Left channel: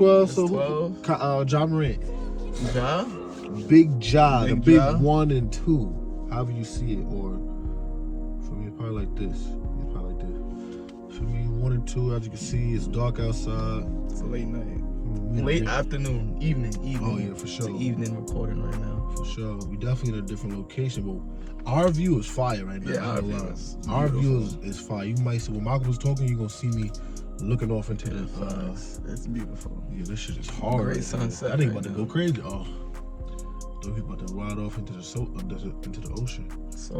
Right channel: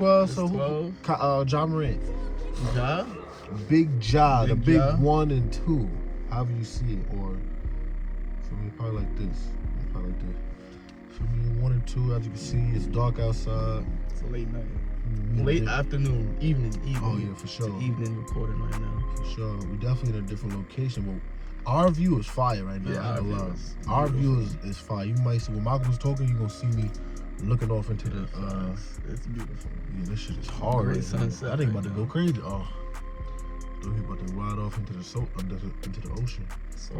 12. So 12. Ja Morant. Ja? Big Ja, the big Ja. 1 and 2. However you see it, or for me, probably like this. For me, 1 and 2, as you can see, it's dark outside. It's a late night. Late afternoon, evening. Oh yeah, for sure. It's evening recording right now. For sure. We definitely in a different location, but our view is fire right now. Yeah, our view is fire. You might see when Michael was talking, you're gonna see me looking off into the. That's beautiful. Yeah, this shit is hard. Great sunset. I think about to go crazy. Oh, don't he about to ride off into the ocean. So,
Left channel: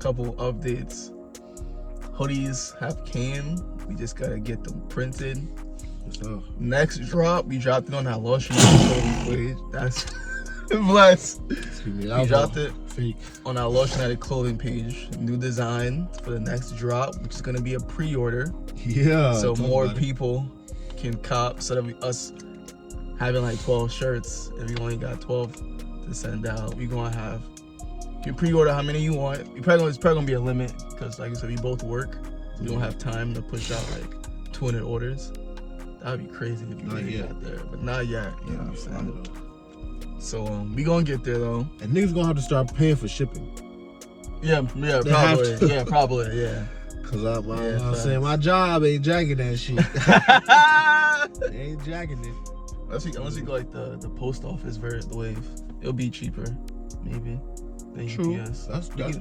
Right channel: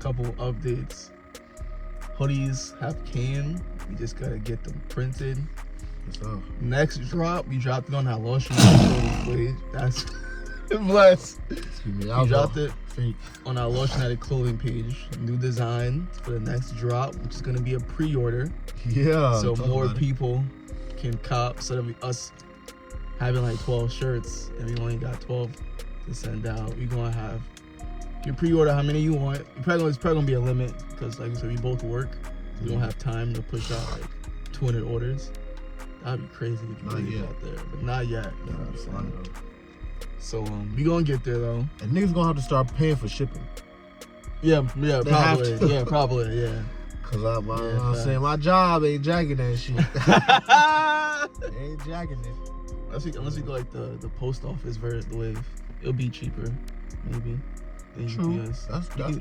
couple updates. Hoodies have came. We just gotta get them printed. What's up? Next drop, we dropped it on that Lost footage. That's bless. We dropped it on our Lost clothing page. New design for the next drop, which is gonna be a pre-order. Yeah. So more people can cop. So that us having like 12 shirts, and we only got 12 to send out. We gonna have. You can pre-order how many you want. It's probably gonna be a limit because, like I said, we both work. We don't have time to push out like 200 orders. That'd be crazy if you really got there, but not yet. You know what I'm saying? So we gonna get there though. And niggas gonna have to start paying for shipping. Yeah, probably. Cause I'm saying my job ain't jacking that shit. Ain't jacking it. Unless you go like the post office versus the Wave, it'll be cheaper, maybe. True. UPS.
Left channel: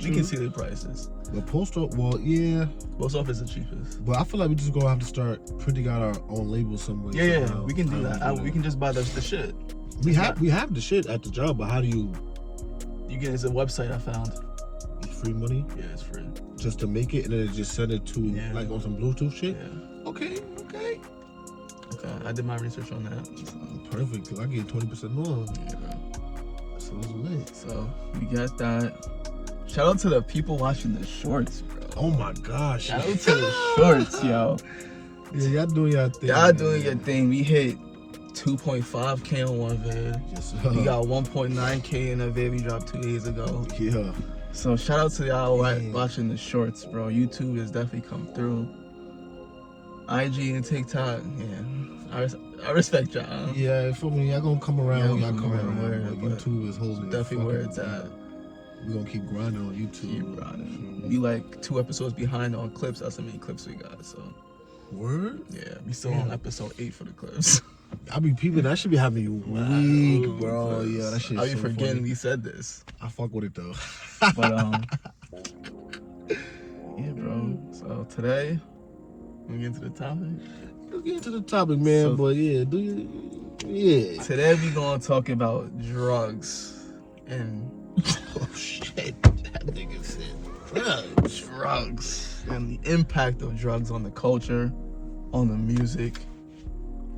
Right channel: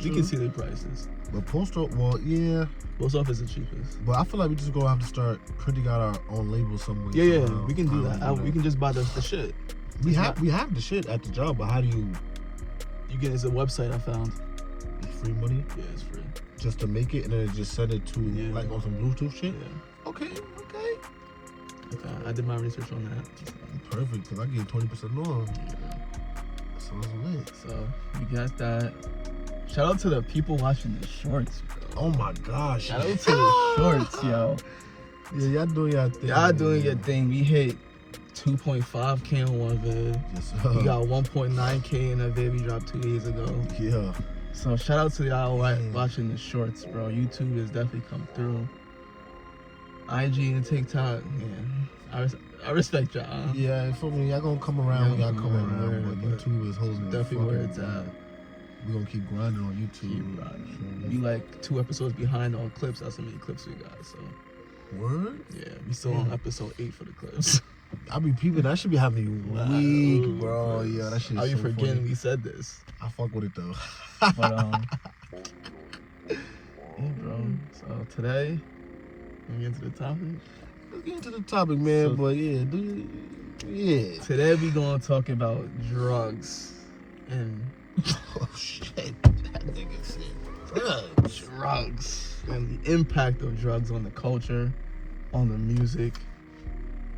We can see the prices. But post office is the cheapest. But I feel like we just gonna have to start printing out our own labels somewhere. Yeah, we can do that. We can just buy the shit. We have the shit at the job, but how do you? You get it's a website I found. It's free money. Yeah, it's free. Just to make it, and then just send it to like on some Bluetooth shit. Yeah. Okay. I did my research on that. Perfect, cause I get 20% off. Yeah. So that's lit. So we got that. Shout out to the people watching the shorts, bro. Oh my gosh. Shout out to the shorts, yo. Yeah, y'all doing your thing. Y'all doing your thing. We hit 2.5K on one vid. Yes, we got 1.9K in a vid we dropped 2 days ago. Yeah. So shout out to y'all watching the shorts, bro. YouTube has definitely come through. IG and TikTok, yeah. I respect y'all. Yeah, for me, y'all gonna come around. Y'all come around. But YouTube is holding definitely where it's at. We're gonna keep grinding on YouTube. We like 2 episodes behind on clips. That's how many clips we got. So. Word? Yeah, we still on episode 8 for the clips. I be peeping. That should be having you weak, bro. Yeah, that shit. I be forgetting we said this. I fuck with it though. But yeah, bro. So today, we get into the topic. Let's get into the topic, man. So, but yeah, Today we gonna talk about drugs and oh shit, that nigga said drugs and the impact of drugs on the culture, on the music,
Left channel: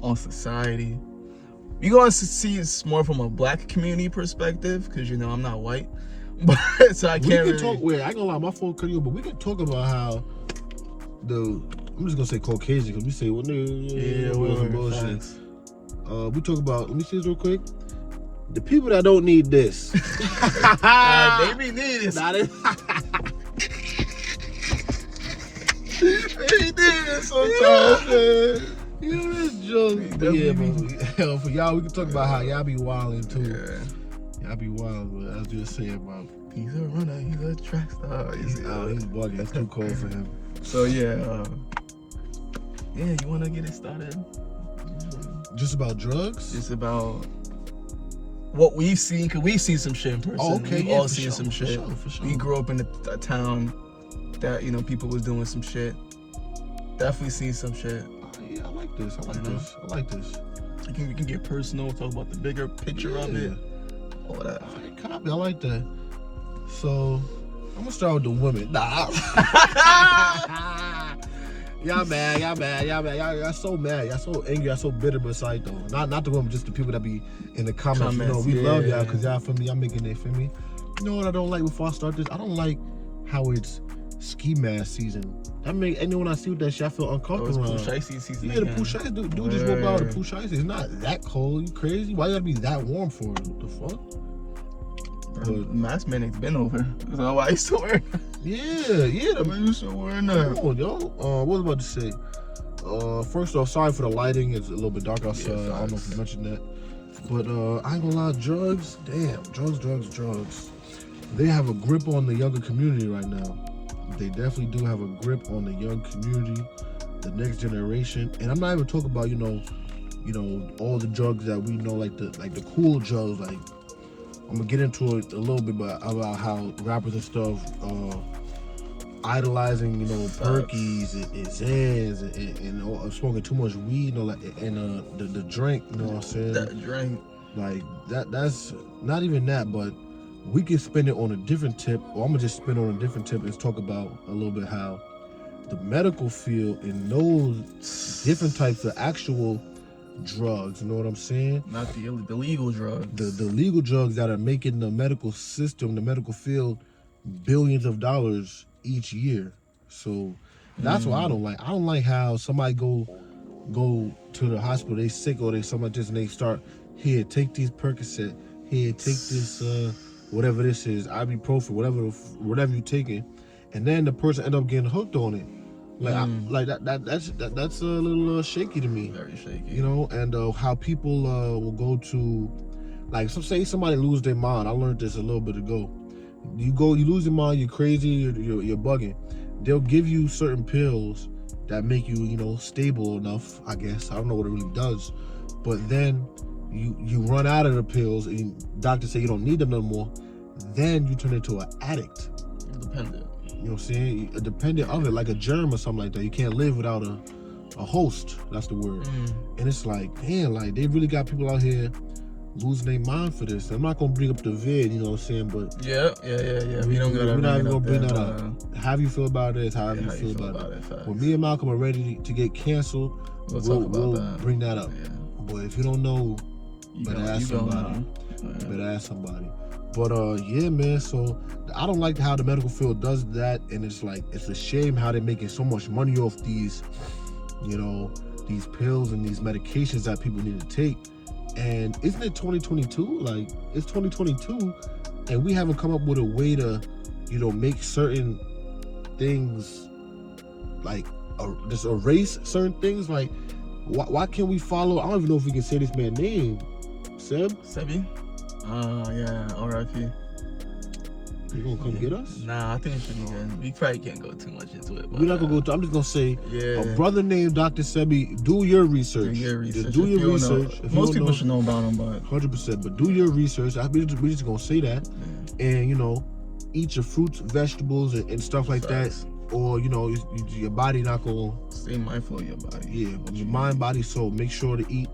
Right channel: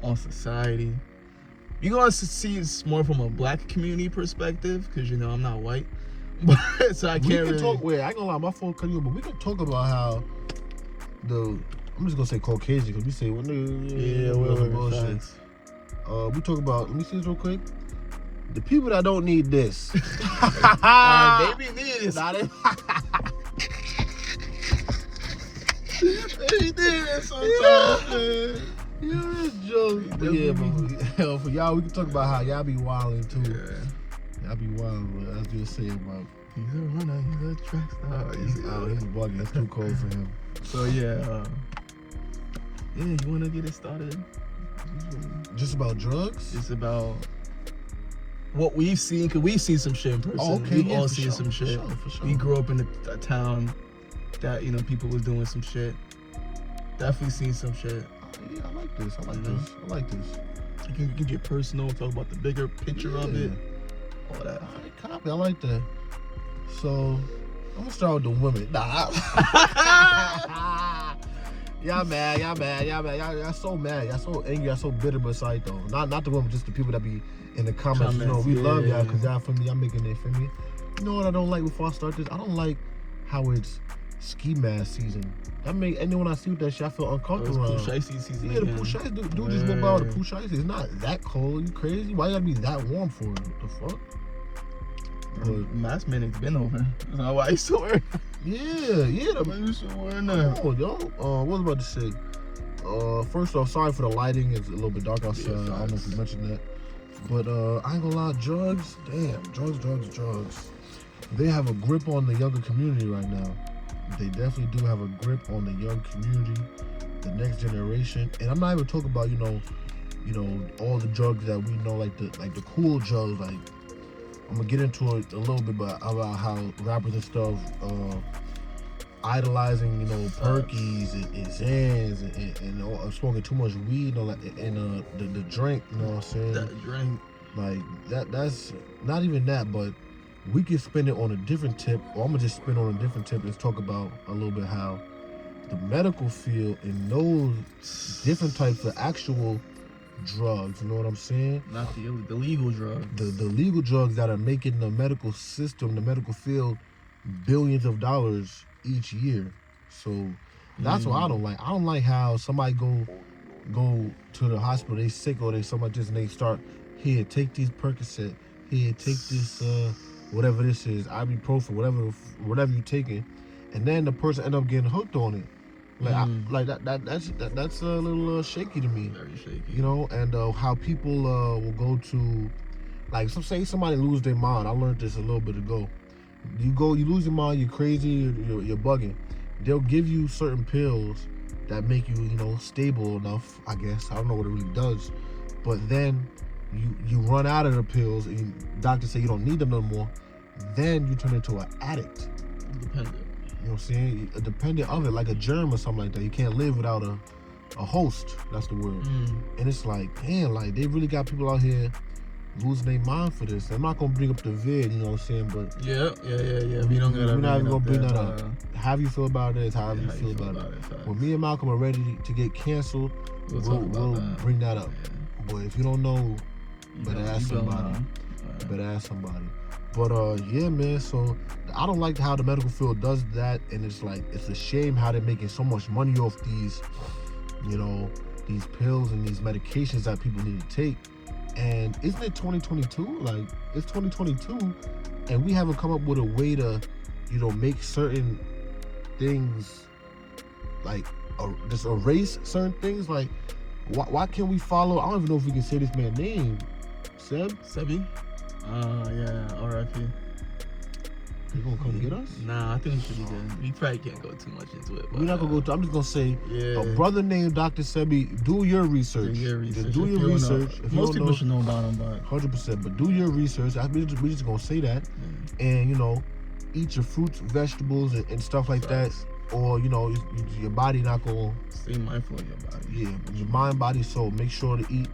on society. We gonna see it more from a black community perspective, because I'm not white, but so I can't really talk. Wait, I ain't gonna lie, my phone cut you, but we can talk about how I'm just gonna say Caucasian, because we say bullshit. We talk about, let me see this real quick. The people that don't need this. They be needing this. They need this sometimes, man. You is joking. But yeah, bro. For y'all, we can talk about how y'all be wilding too. Y'all be wild, but as you were saying, bro. He's a runner, he's a track star. He's bugging. It's too cold for him. So yeah, you wanna get it started? Just about drugs? Just about what we've seen, cause we've seen some shit in person. Oh, okay, we've all seen some shit. For sure. We grew up in a town that people was doing some shit. Definitely seen some shit. Yeah, I like this. We can get personal, talk about the bigger picture of it. All that. I like that. So I'm gonna start with the women. Nah. Y'all mad. Y'all so mad. Y'all so angry. Y'all so bitter, but sorry though. Not the women, just the people that be in the comments. We love y'all because y'all for me. Y'all making it for me. You know what I don't like before I start this? I don't like how it's ski mask season. I mean, anyone I see with that shit, I feel uncomfortable. Pool shiesty season. Yeah, the pool shiesty. Dude just rolled out with the pool shiesty. It's not that cold. You crazy? Why you gotta be that warm for it? What the fuck? Mask mandate's been over. That's all I used to wear. Yeah. The used to wear that. Come on, y'all. What was I about to say? First off, sorry for the lighting. It's a little bit dark outside. I don't know if you mentioned that. But I ain't gonna lie, drugs, drugs. They have a grip on the younger community right now. They definitely do have a grip on the young community, the next generation. And I'm not even talking about, you know, all the drugs that we know, like the cool drugs. Like, I'm gonna get into it a little bit, but about how rappers and stuff idolizing, you know, Perkies and Zans and smoking too much weed, you know, like, and the drink, you know what I'm saying? That drink. Like that's not even that, but we can spin it on a different tip, or I'm gonna just spin on a different tip and talk about a little bit how the medical field and those different types of actual drugs, you know what I'm saying? Not the legal drugs. The legal drugs that are making the medical system, the medical field, billions of dollars each year. So that's what I don't like. I don't like how somebody go to the hospital, they sick or they something like this, and they start, here, take these Percocet, here, take this whatever this is, ibuprofen, whatever you taking, and then the person end up getting hooked on it. Like that's a little shaky to me. Very shaky. You know, and how people will go to, like, so say somebody lose their mind. I learned this a little bit ago. You lose your mind, you're crazy, you're bugging. They'll give you certain pills that make you, you know, stable enough, I guess. I don't know what it really does. But then you run out of the pills and doctors say you don't need them no more. Then you turn into an addict. Dependent. You know what I'm saying? A dependent of it, like a germ or something like that. You can't live without a host. That's the word. And it's like, man, like they really got people out here losing their mind for this. I'm not gonna bring up the vid, you know what I'm saying? But yeah. We're not even gonna bring that up. How you feel about it is how you feel about it. When me and Malcolm are ready to get canceled, we'll bring that up. Yeah. But if you don't know, you better ask somebody. But yeah, man. So I don't like how the medical field does that, and it's like it's a shame how they're making so much money off these, you know, these pills and these medications that people need to take. And isn't it 2022? Like, it's 2022, and we haven't come up with a way to, you know, make certain things, like, just erase certain things. Like, why can't we follow? I don't even know if we can say this man's name. Sebi? Yeah, R.I.P. You gonna come get us? Nah, I think we probably can't go too much into it. We're not gonna go. I'm just gonna say, a brother named Dr. Sebi. Do your research. Do your research. Most people should know about him, but 100%. But do your research. We're just gonna say that, and you know, eat your fruits, vegetables, and stuff like that. Or you know, your body not gonna stay mindful of your body. Yeah, your mind, body, soul. Make sure to eat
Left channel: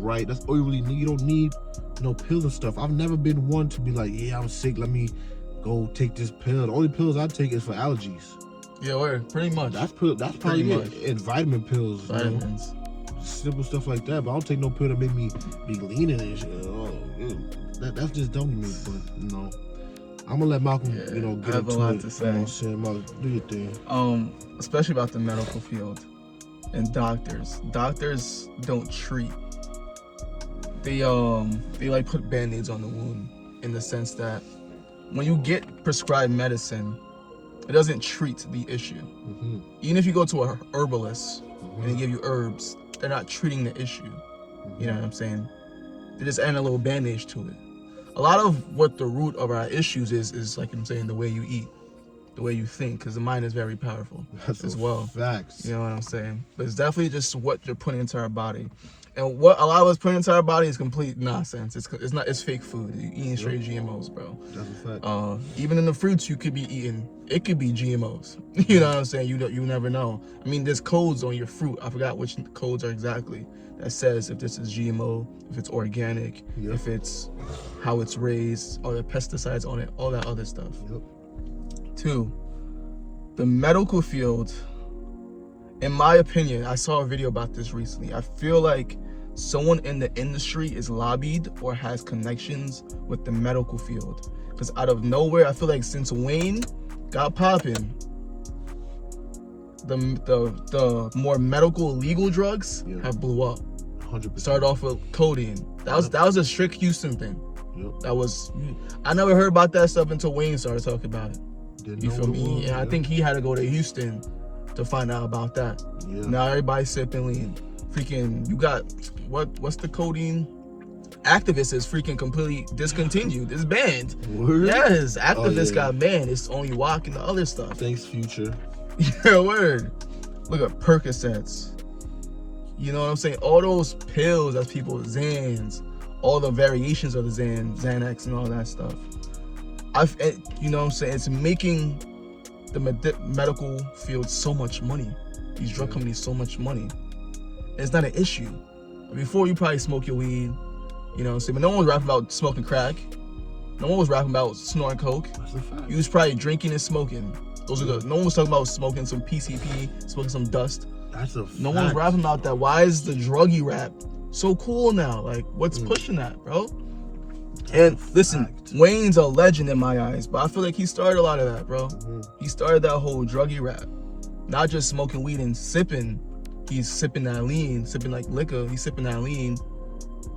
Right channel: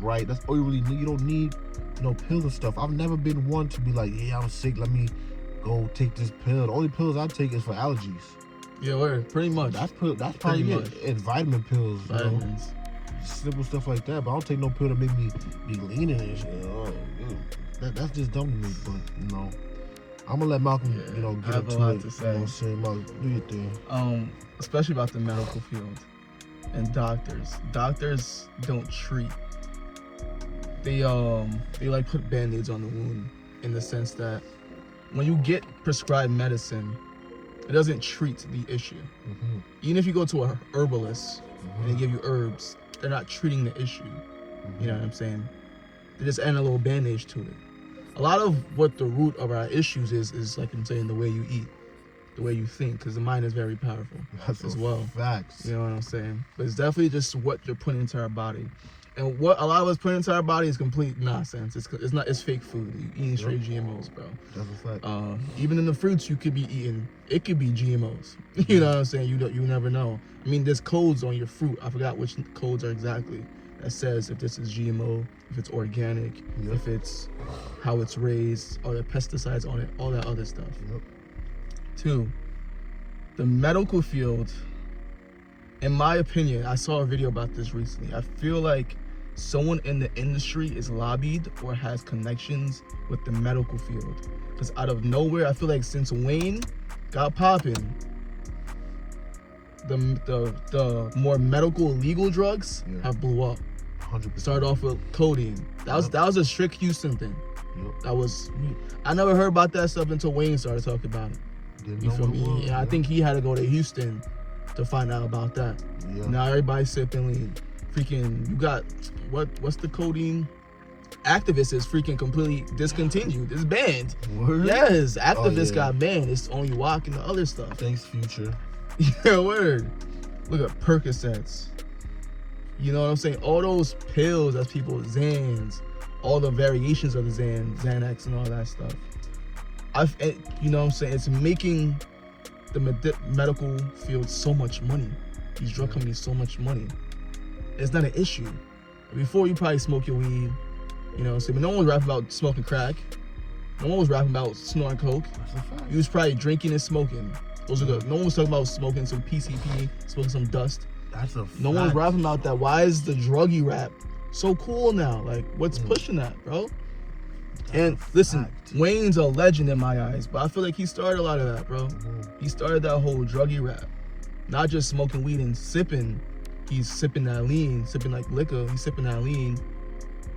right. That's all you really need. You don't need no pills and stuff. I've never been one to be like, yeah, I'm sick, let me go take this pill. The only pills I take is for allergies. Yeah, word. Pretty much. That's probably it. And vitamin pills. Vitamins. You know? Simple stuff like that. But I don't take no pill that make me be leaning and shit. That's just dumb to me. But you know, I'm gonna let Malcolm, you know, get into it. I have a lot to say. Malcolm, do your thing. Especially about the medical field and doctors. Doctors don't treat. They like put band-aids on the wound, in the sense that when you get prescribed medicine, it doesn't treat the issue. Even if you go to a herbalist and they give you herbs, they're not treating the issue. You know what I'm saying? They just add a little bandage to it. A lot of what the root of our issues is like I'm saying, the way you eat, the way you think, because the mind is very powerful as well. Facts. You know what I'm saying? But it's definitely just what you're putting into our body. And what a lot of us put into our body is complete nonsense. It's fake food. You're eating straight GMOs, bro. That's a fact. Even in the fruits you could be eating, it could be GMOs. You know what I'm saying? You never know. I mean, there's codes on your fruit. I forgot which codes are exactly. That says if this is GMO, if it's organic, if it's how it's raised, or the pesticides on it, all that other stuff. 2, the medical field. In my opinion, I saw a video about this recently. I feel like someone in the industry is lobbied or has connections with the medical field. Because out of nowhere, I feel like since Wayne got popping, the more medical legal drugs have blew up. 100%. Started off with codeine. That was a strict Houston thing. I never heard about that stuff until Wayne started talking about it. You feel me? Yeah, I think he had to go to Houston to find out about that. Yeah. Now everybody's sipping lean. Freaking, you got what's the codeine? Activist is freaking completely discontinued. It's banned. Word? Yes, Activist yeah. got banned. It's only walk and the other stuff. Thanks, Future. Yeah, word. Look at Percocets. You know what I'm saying? All those pills that people, Xans, all the variations of the Xanax and all that stuff. You know what I'm saying? It's making the medical field so much money. These drug companies so much money. It's not an issue. Before, you probably smoke your weed, you know what I'm saying? But no one was rapping about smoking crack. No one was rapping about snorting coke. That's a fact. You was probably drinking and smoking. Those are the. No one was talking about smoking some PCP, smoking some dust. That's a fact. No one's rapping about that. Why is the druggy rap so cool now? Like, what's pushing that, bro? And listen, Wayne's a legend in my eyes, but I feel like he started a lot of that, bro. He started that whole druggy rap. Not just smoking weed and sipping. He's sipping that lean, sipping like liquor. He's sipping that lean.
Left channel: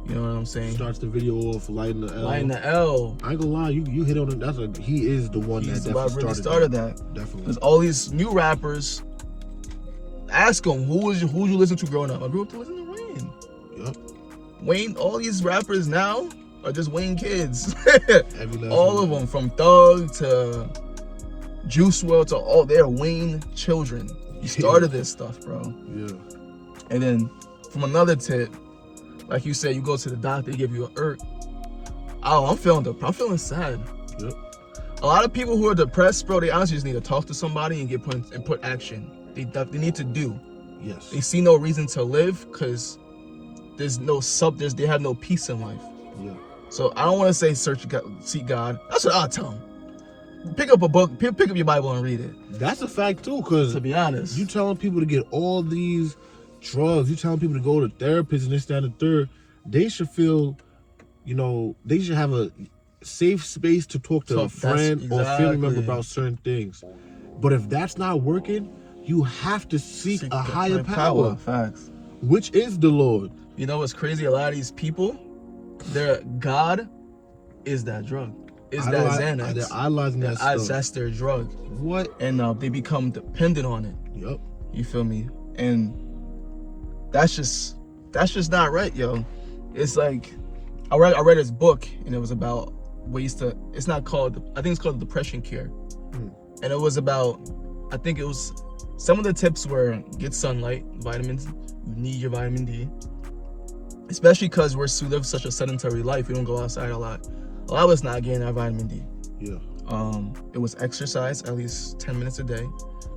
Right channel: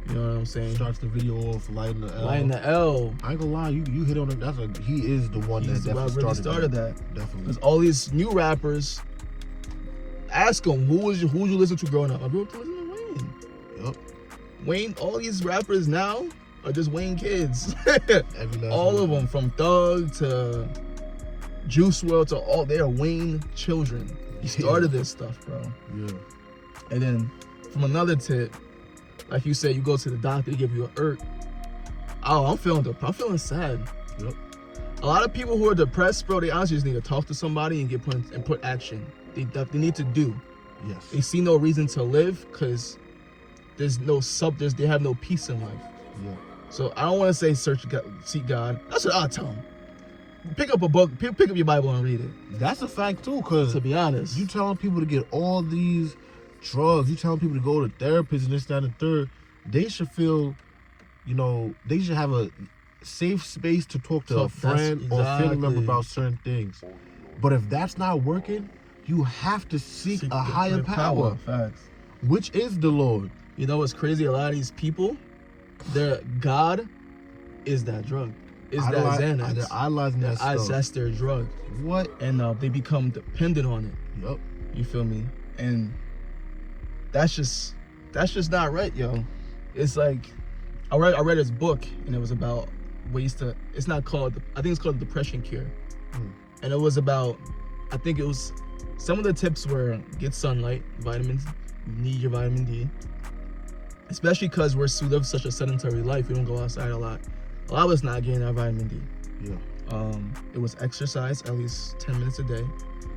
You know what I'm saying? Starts the video off lighting the L. Lighting the L. I ain't gonna lie, you hit on it. He is the one He's that definitely really started that. Definitely. There's all these new rappers. Ask them who you listen to growing up. I grew up to listen to Wayne. Yep. Wayne. All these rappers now are just Wayne kids. Every last All one. of them, from Thug to Juice WRLD to all, they're Wayne children. He started this stuff, bro. Yeah. And then from another tip, like you said, you go to the doctor, they give you an IRT. Oh, I'm feeling sad. Yep. A lot of people who are depressed, bro, they honestly just need to talk to somebody and put action. They need to do. Yes. They see no reason to live because they have no peace in life. Yeah. So I don't want to say seek God. That's what I'll tell them. Pick up a book, pick up your Bible and read it. That's a fact too, cause To be honest, you telling people to get all these drugs, you telling people to go to therapists and this, that, and the third, they should feel, they should have a safe space to talk to a friend or family member about certain things. But if that's not working, you have to seek a higher power, Facts. which is the Lord. You know what's crazy? A lot of these people, their God is that drug. Is that Xanax. They're idolizing that stuff. That's their drug. What? And they become dependent on it. Yep. You feel me? And that's just not right, yo. It's like I read this book and it was about ways to. It's not called. I think it's called Depression Cure. And it was about. I think it was. Some of the tips were get sunlight, vitamins. You need your vitamin D. Especially because we live such a sedentary life. We don't go outside a lot. A lot of us not getting our vitamin D. Yeah. It was exercise at least 10 minutes a day,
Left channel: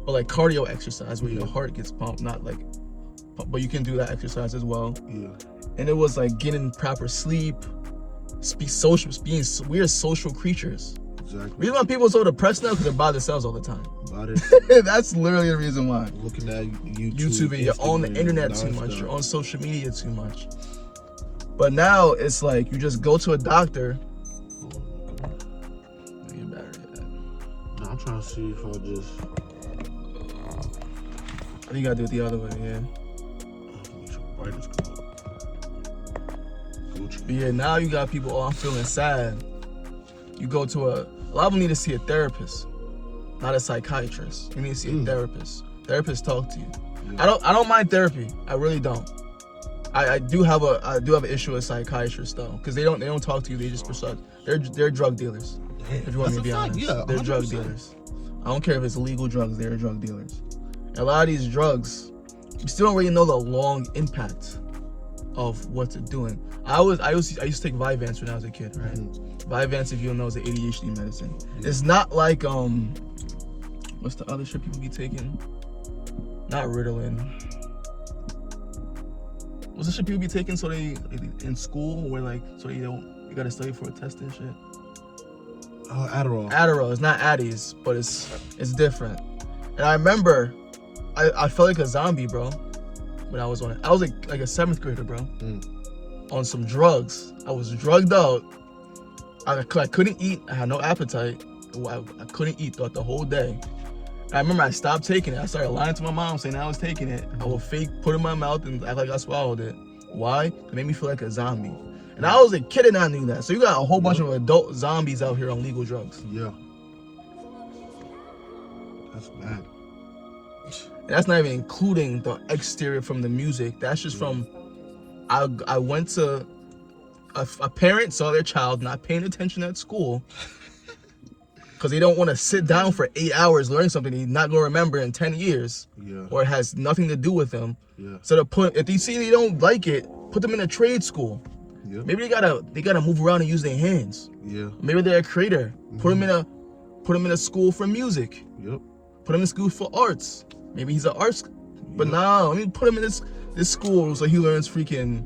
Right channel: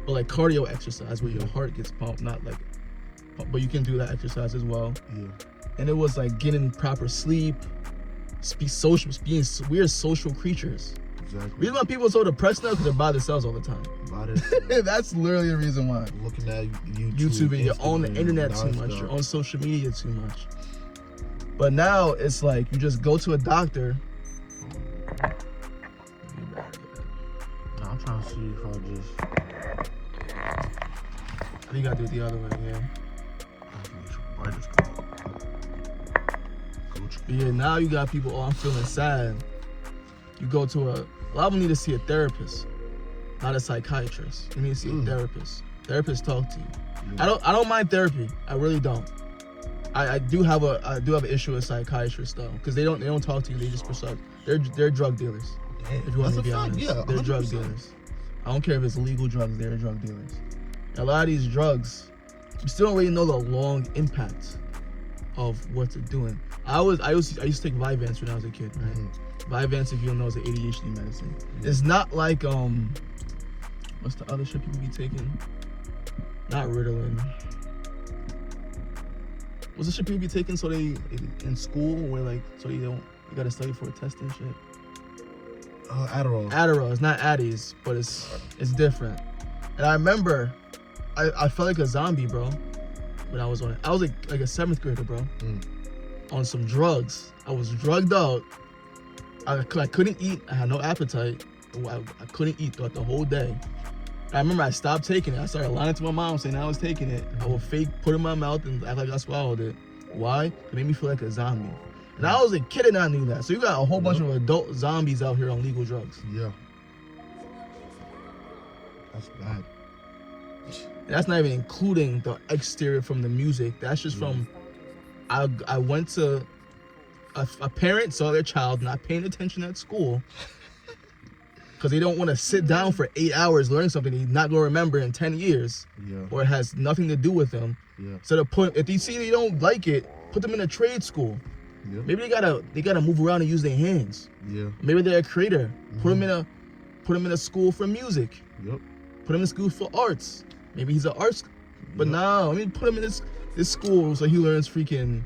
but like cardio exercise where your heart gets pumped, not like, but you can do that exercise as well. Yeah. And it was like getting proper sleep, we're social creatures. Exactly. Reason why people are so depressed now because they're by themselves all the time. That's literally the reason why. Looking at YouTube, and you're on the internet too much. You're on social media too much. But now it's like you just go to a doctor. I'm trying to see if I just. I think you gotta do it the other way, yeah. Yeah, now you got people, I'm feeling sad. You go to a lot of them need to see a therapist, not a psychiatrist. You need to see a therapist. Therapists talk to you. I don't mind therapy. I really don't. I do have an issue with psychiatrists though, because they don't talk to you. They just prescribe. They're drug dealers. If you want me to be honest, yeah, they're 100%. drug dealers. I don't care if it's illegal drugs. They're drug dealers. A lot of these drugs, you still don't really know the long impact of what they're doing. I used to take Vyvanse when I was a kid, right? Vyvanse, if you don't know, is an ADHD medicine. It's not like what's the other shit people be taking? Not Ritalin. What's the shit people be taking so they in school where like so you gotta study for a test and shit? Adderall. Adderall. It's not Addies, but it's different. And I remember I felt like a zombie, bro. When I was on it, I was like a 7th grader, bro. On some drugs. I was drugged out. I couldn't eat. I had no appetite. I couldn't eat throughout the whole day. I remember I stopped taking it. I started lying to my mom saying I was taking it. I would fake put it in my mouth and act like I swallowed it. Why? It made me feel like a zombie. And I was a kid and I knew that. So you got a whole bunch of adult zombies out here on legal drugs. Yeah. That's bad. And that's not even including the exterior from the music. That's just from, I went to, a parent saw their child not paying attention at school because they don't want to sit down for 8 hours learning something he's not going to remember in 10 years. Or it has nothing to do with them. So if they see they don't like it, put them in a trade school. Maybe they gotta move around and use their hands. Maybe they're a creator. Put them in a school for music. Put him in school for arts. Maybe he's an arts, but no, let me put him in this school so he learns freaking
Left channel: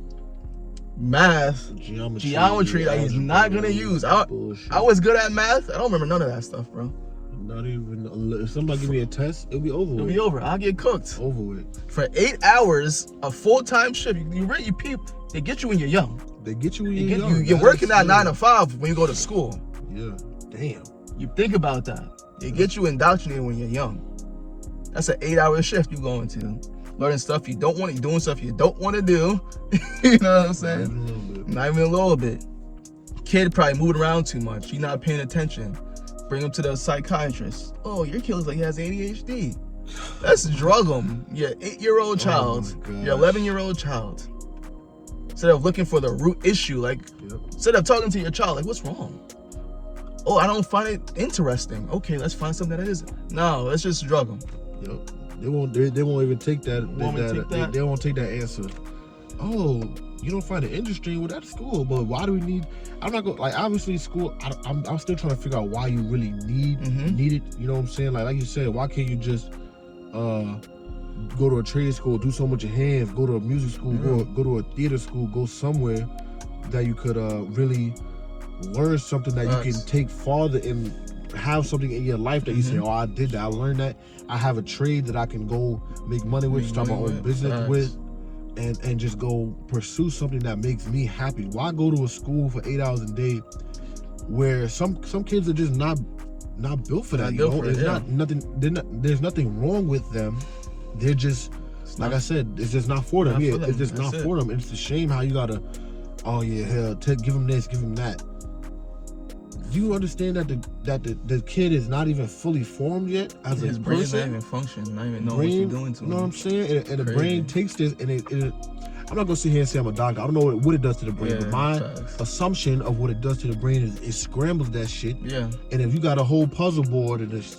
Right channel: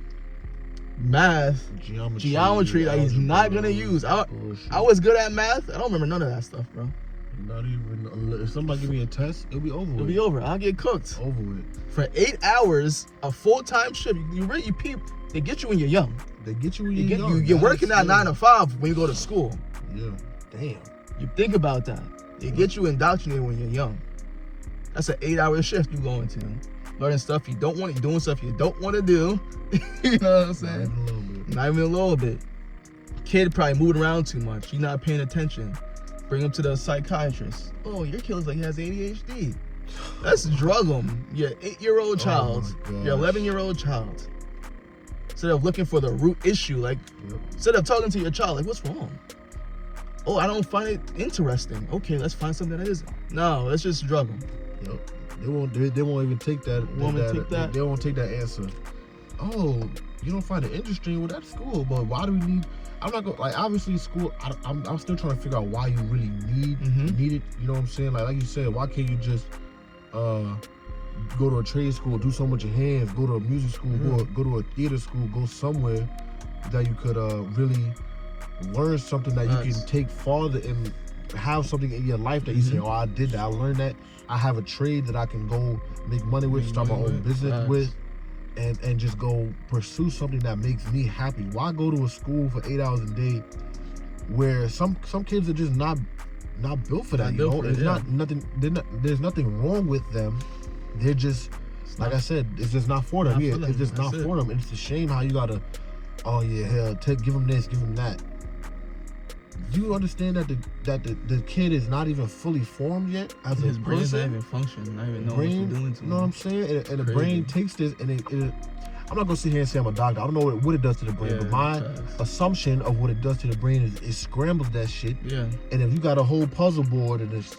math, geometry that he's not gonna use. I was good at math. I don't remember none of that stuff, bro. Not even, if somebody give me a test, it'll be over with. It'll be over. I'll get cooked. Over with. For 8 hours, a full-time shift, you really peep, they get you when you're young. They get you when you're young. You're working at 9 to 5 when you go to school. Damn. You think about that. They get you indoctrinated when you're young. That's an 8-hour shift you going to. Learning stuff you don't want, doing stuff you don't want to do. You know what I'm saying? Not even a little bit. Kid probably moving around too much. He's not paying attention. Bring him to the psychiatrist. Oh, your kid looks like he has ADHD. Let's drug him. Your 8-year-old child. Your 11-year-old child. Instead of looking for the root issue, like, instead of talking to your child, like, what's wrong? Oh, I don't find it interesting. Okay, let's find something that is. No, let's just drug them. They won't even take that. They won't take that answer. Oh, you don't find it interesting? Well, that's cool, but why do we need? I'm not gonna, like, obviously school. I'm still trying to figure out why you really need it. You know what I'm saying? Like you said, why can't you just go to a trade school, do so much of hands, go to a music school, go to a theater school, go somewhere that you could really learn something that you can take farther and have something in your life that you say, oh, I did that, I learned that, I have a trade that I can go make money with, start my own business with, and just go pursue something that makes me happy. Why go to a school for 8 hours a day where some kids are just not built for that, you know? There's nothing wrong with them. They're just, like I said, it's just not for them. It's just not for them. It's a shame how you gotta, oh yeah, hell, give them this, give them that. Do you understand that the kid is not even fully formed yet as a person? His brain's not even functioning. Not even know what you're doing to him. You know what I'm saying? And the brain takes this, and I'm not gonna sit here and say I'm a doctor. I don't know what it does to the brain, but my assumption of what it does to the brain is it scrambles that shit. And if you got a whole puzzle board and it's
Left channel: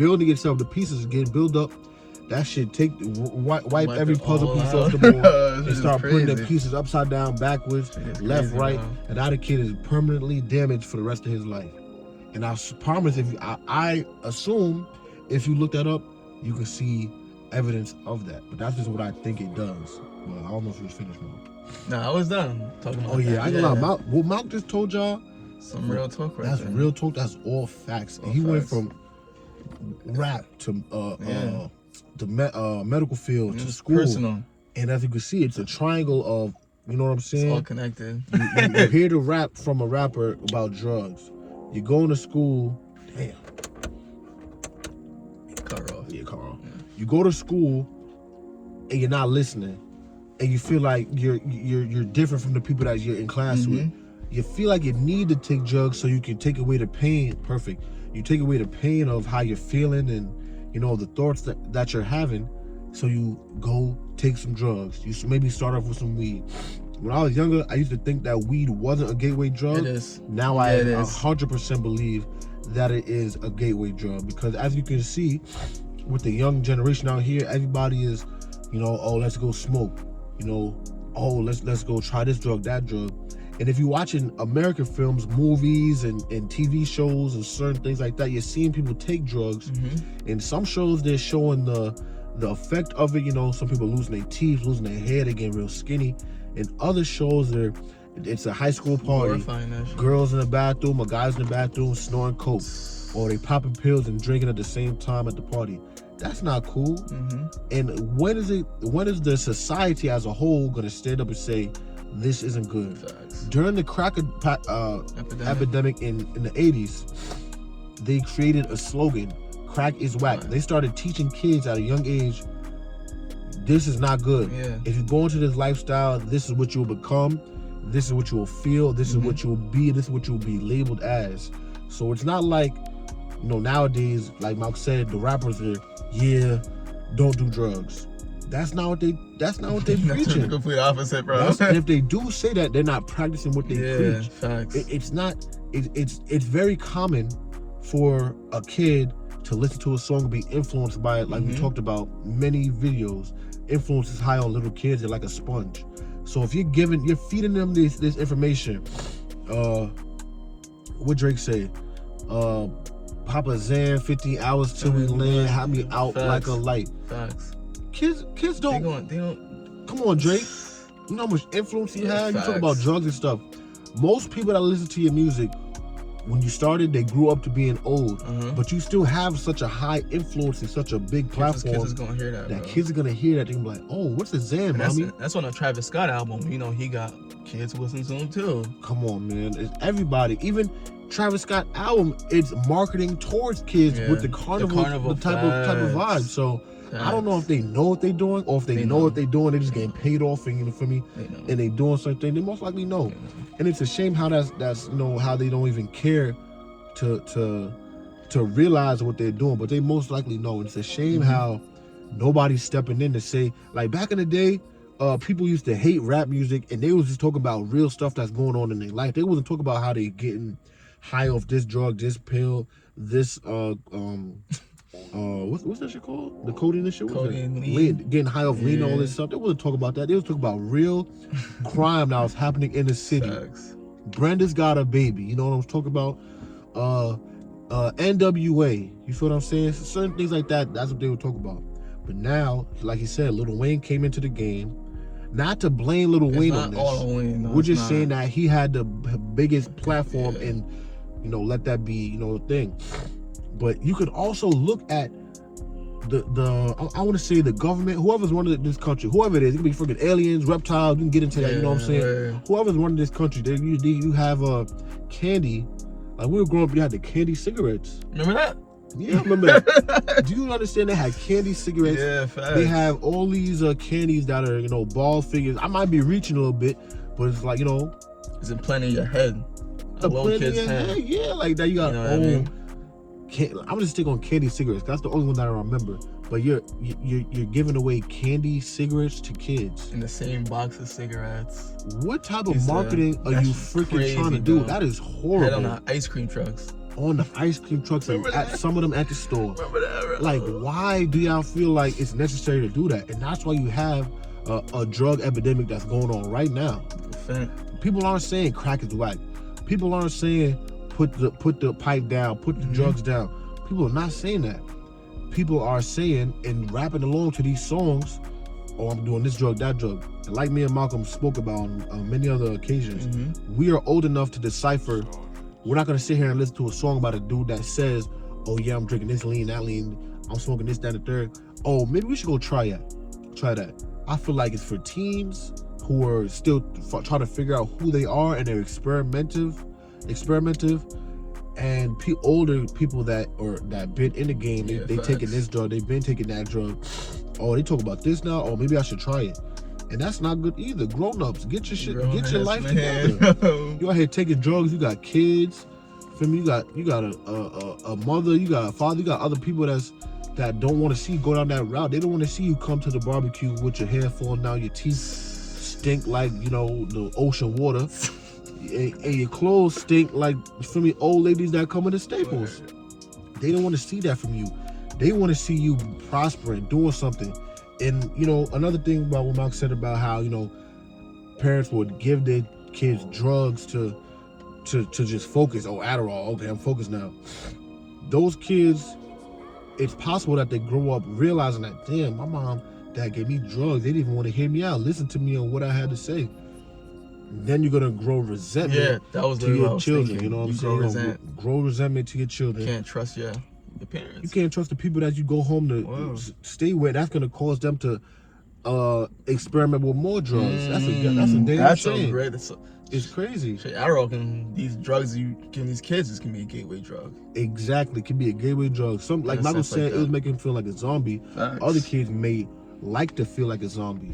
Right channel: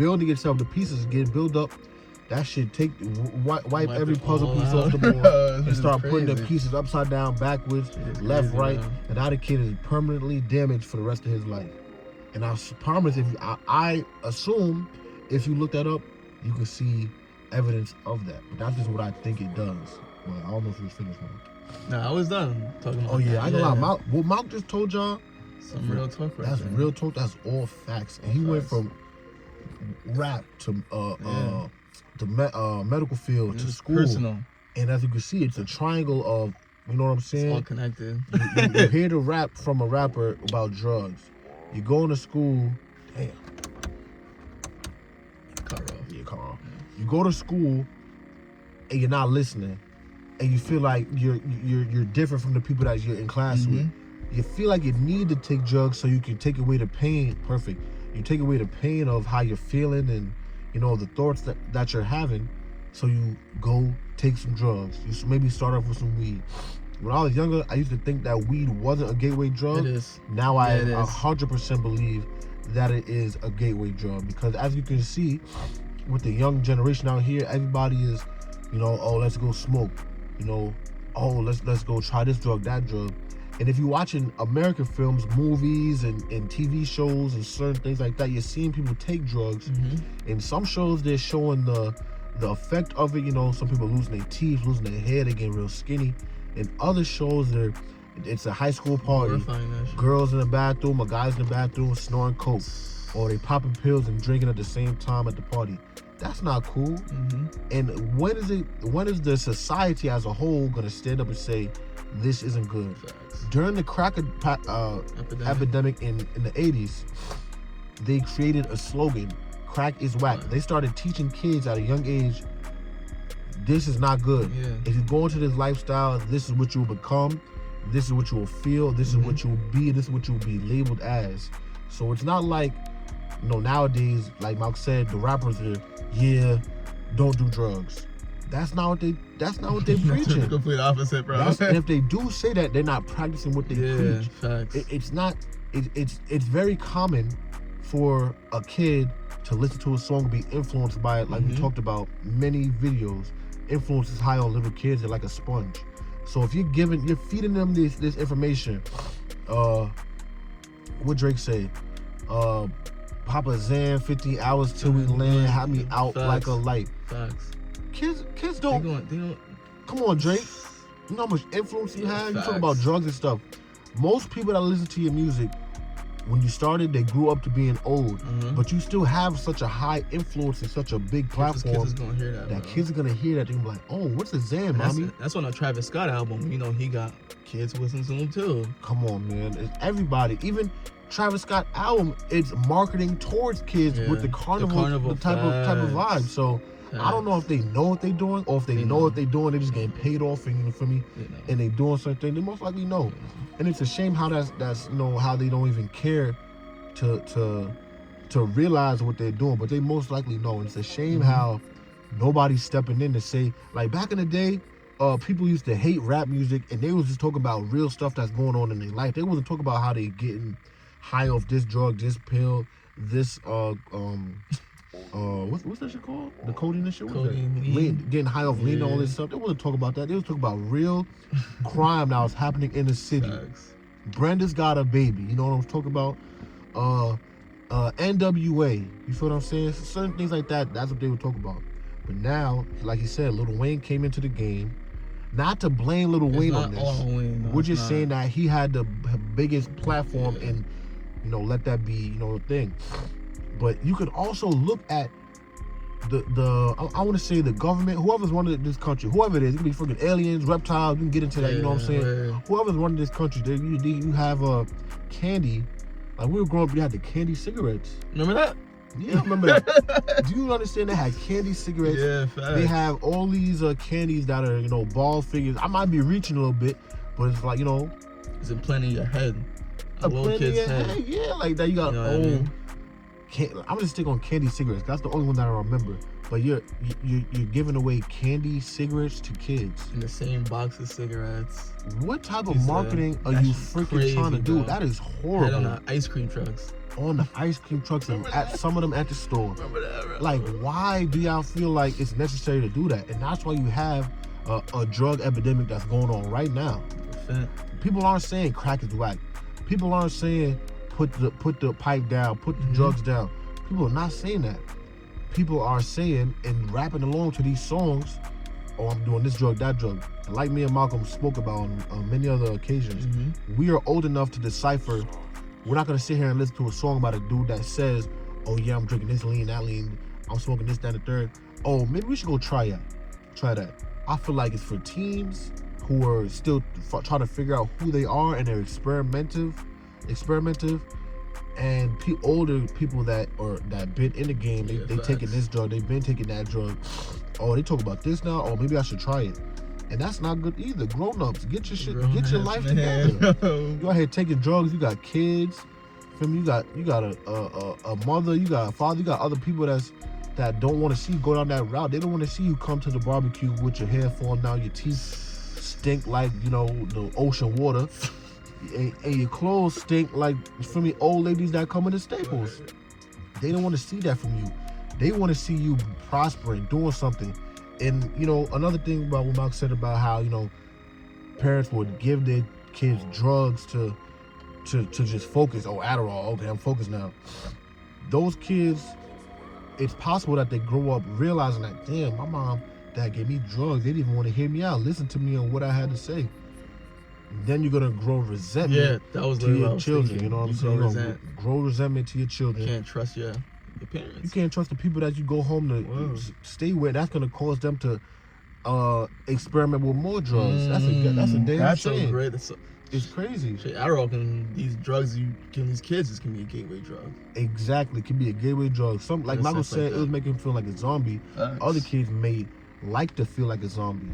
building itself, the pieces get built up. That shit wipe every puzzle piece off the board and start putting the pieces upside down, backwards, left, right, and now the kid is permanently damaged for the rest of his life. And I promise, I assume if you look that up, you can see evidence of that. But that's just what I think it does. Well, I don't know if you was finished now. Nah, I was done. Oh yeah, I ain't gonna lie. What Malk just told y'all, some real talk right there. That's real talk. That's all facts. And he went from rap to the medical field to school. Personal. And as you can see, it's a triangle of, you know what I'm saying? It's all connected. You hear the rap from a rapper about drugs. You go into school. Damn. Cut off. Yeah, come on. You go to school and you're not listening, and you feel like you're different from the people that you're in class with. You feel like you need to take drugs so you can take away the pain. Perfect. You take away the pain of how you're feeling and, you know, the thoughts that you're having. So you go take some drugs. You should maybe start off with some weed. When I was younger, I used to think that weed wasn't a gateway drug. It is. Now I 100% believe that it is a gateway drug, because as you can see with the young generation out here, everybody is, you know, oh, let's go smoke. You know, oh, let's go try this drug, that drug. And if you're watching American films, movies, and TV shows and certain things like that, you're seeing people take drugs. In some shows, they're showing the effect of it. You know, some people losing their teeth, losing their hair, they getting real skinny. In other shows, it's a high school party. Girls in the bathroom or guys in the bathroom snoring coke, or they popping pills and drinking at the same time at the party. That's not cool. And when is the society as a whole gonna stand up and say this isn't good? During the crack epidemic in the 80s, they created a slogan: crack is whack. They started teaching kids at a young age, this is not good. If you go into this lifestyle, this is what you will become, this is what you will feel, this is what you will be, this is what you will be labeled as. So it's not like, you know, nowadays, like Malk said, the rappers are, don't do drugs. That's not what they preaching. The complete opposite, bro. And if they do say that, they're not practicing what they preach. Facts. It's not. It's very common for a kid to listen to a song and be influenced by it. Like we talked about many videos, influence is high on little kids. They're like a sponge. So if you're feeding them this information, what Drake say? Papa Zan, 50 hours till we land, have me out like a light. Facts. Kids don't. They don't. Come on, Drake. You know how much influence you have? You talk about drugs and stuff. Most people that listen to your music, when you started, they grew up to being old. But you still have such a high influence and such a big platform. Kids is gonna hear that. Kids are gonna hear that. They're gonna be like, oh, what's the Zan, mommy? That's on the Travis Scott album. You know, he got kids who listen to him too. Come on, man. It's everybody. Even Travis Scott album, it's marketing towards kids with the carnival type of vibe. So I don't know if they know what they're doing, or if they know what they're doing, they're just getting paid off, and you know, for me, and they doing something. They most likely know, and it's a shame how that's you know, how they don't even care to realize what they're doing, but they most likely know. And it's a shame how nobody's stepping in to say, like back in the day, people used to hate rap music, and they was just talking about real stuff that's going on in their life. They wasn't talking about how they getting high off this drug, this pill, this what's that shit called? The codeine and shit? Lean. Getting high off lean, all this stuff. They wasn't talking about that. They was talking about real crime that was happening in the city. Brenda's got a baby. You know what I'm talking about? NWA. You feel what I'm saying? Certain things like that, that's what they were talking about. But now, like you said, Lil Wayne came into the game. Not to blame Lil Wayne on this. We're just saying that he had the biggest platform and, you know, let that be, you know, the thing. But you can also look at I want to say the government, whoever's running this country, whoever it is, it can be freaking aliens, reptiles, you can get into that, you know what I'm saying? Whoever's running this country, you have candy. Like we were growing up, you had the candy cigarettes. Remember that? Yeah, remember that. Do you understand they had candy cigarettes? Yeah, facts. They have all these candies that are, you know, ball figures. I might be reaching a little bit, but it's like, you know, it's implanted in your head. A little kid's head. Yeah, like that. You got, you know I'm just stick on candy cigarettes. That's the only one that I remember. But you're giving away candy cigarettes to kids in the same box of cigarettes. What type of marketing are you freaking trying to do? That is horrible. Head on the ice cream trucks. On the ice cream trucks and some of them at the store. Remember that? Like, why do y'all feel like it's necessary to do that? And that's why you have a drug epidemic that's going on right now. People aren't saying crack is whack. People aren't saying put the pipe down, put the drugs down. People are not saying that. People are saying and rapping along to these songs, oh, I'm doing this drug, that drug. And like me and Malcolm spoke about on many other occasions, we are old enough to decipher. We're not gonna sit here and listen to a song about a dude that says, oh yeah, I'm drinking this lean, that lean, I'm smoking this, that, and the third. Oh, maybe we should go try that. I feel like it's for teens who are still trying to figure out who they are, and they're experimental, and older people that been in the game, they taking this drug, they've been taking that drug. Oh, they talk about this now. Oh, maybe I should try it. And that's not good either. Grown-ups, get your shit, get your life together. You out here taking drugs. You got kids. Feel me? You got a mother. You got a father. You got other people that don't want to see you go down that route. They don't want to see you come to the barbecue with your hair falling out, your teeth stink like, you know, the ocean water, and your clothes stink like, feel me, old ladies that come in the Staples. They don't want to see that from you. They want to see you prospering, doing something. And, you know, another thing about what Mark said about how, you know, parents would give their kids drugs to just focus. Oh, Adderall, okay, I'm focused now. Those kids, it's possible that they grow up realizing that, damn, my mom, dad gave me drugs. They didn't even want to hear me out, listen to me on what I had to say. Then you're gonna grow resentment to your children. You know what I'm saying? You're gonna grow resentment to your children. You can't trust your parents. You can't trust the people that you go home to stay with. That's gonna cause them to experiment with more drugs. That's a damn shame. It's crazy. These drugs you give these kids, this can be a gateway drug. Exactly, it can be a gateway drug. Some, like Michael said, it was making him feel like a zombie. Other kids may like to feel like a zombie,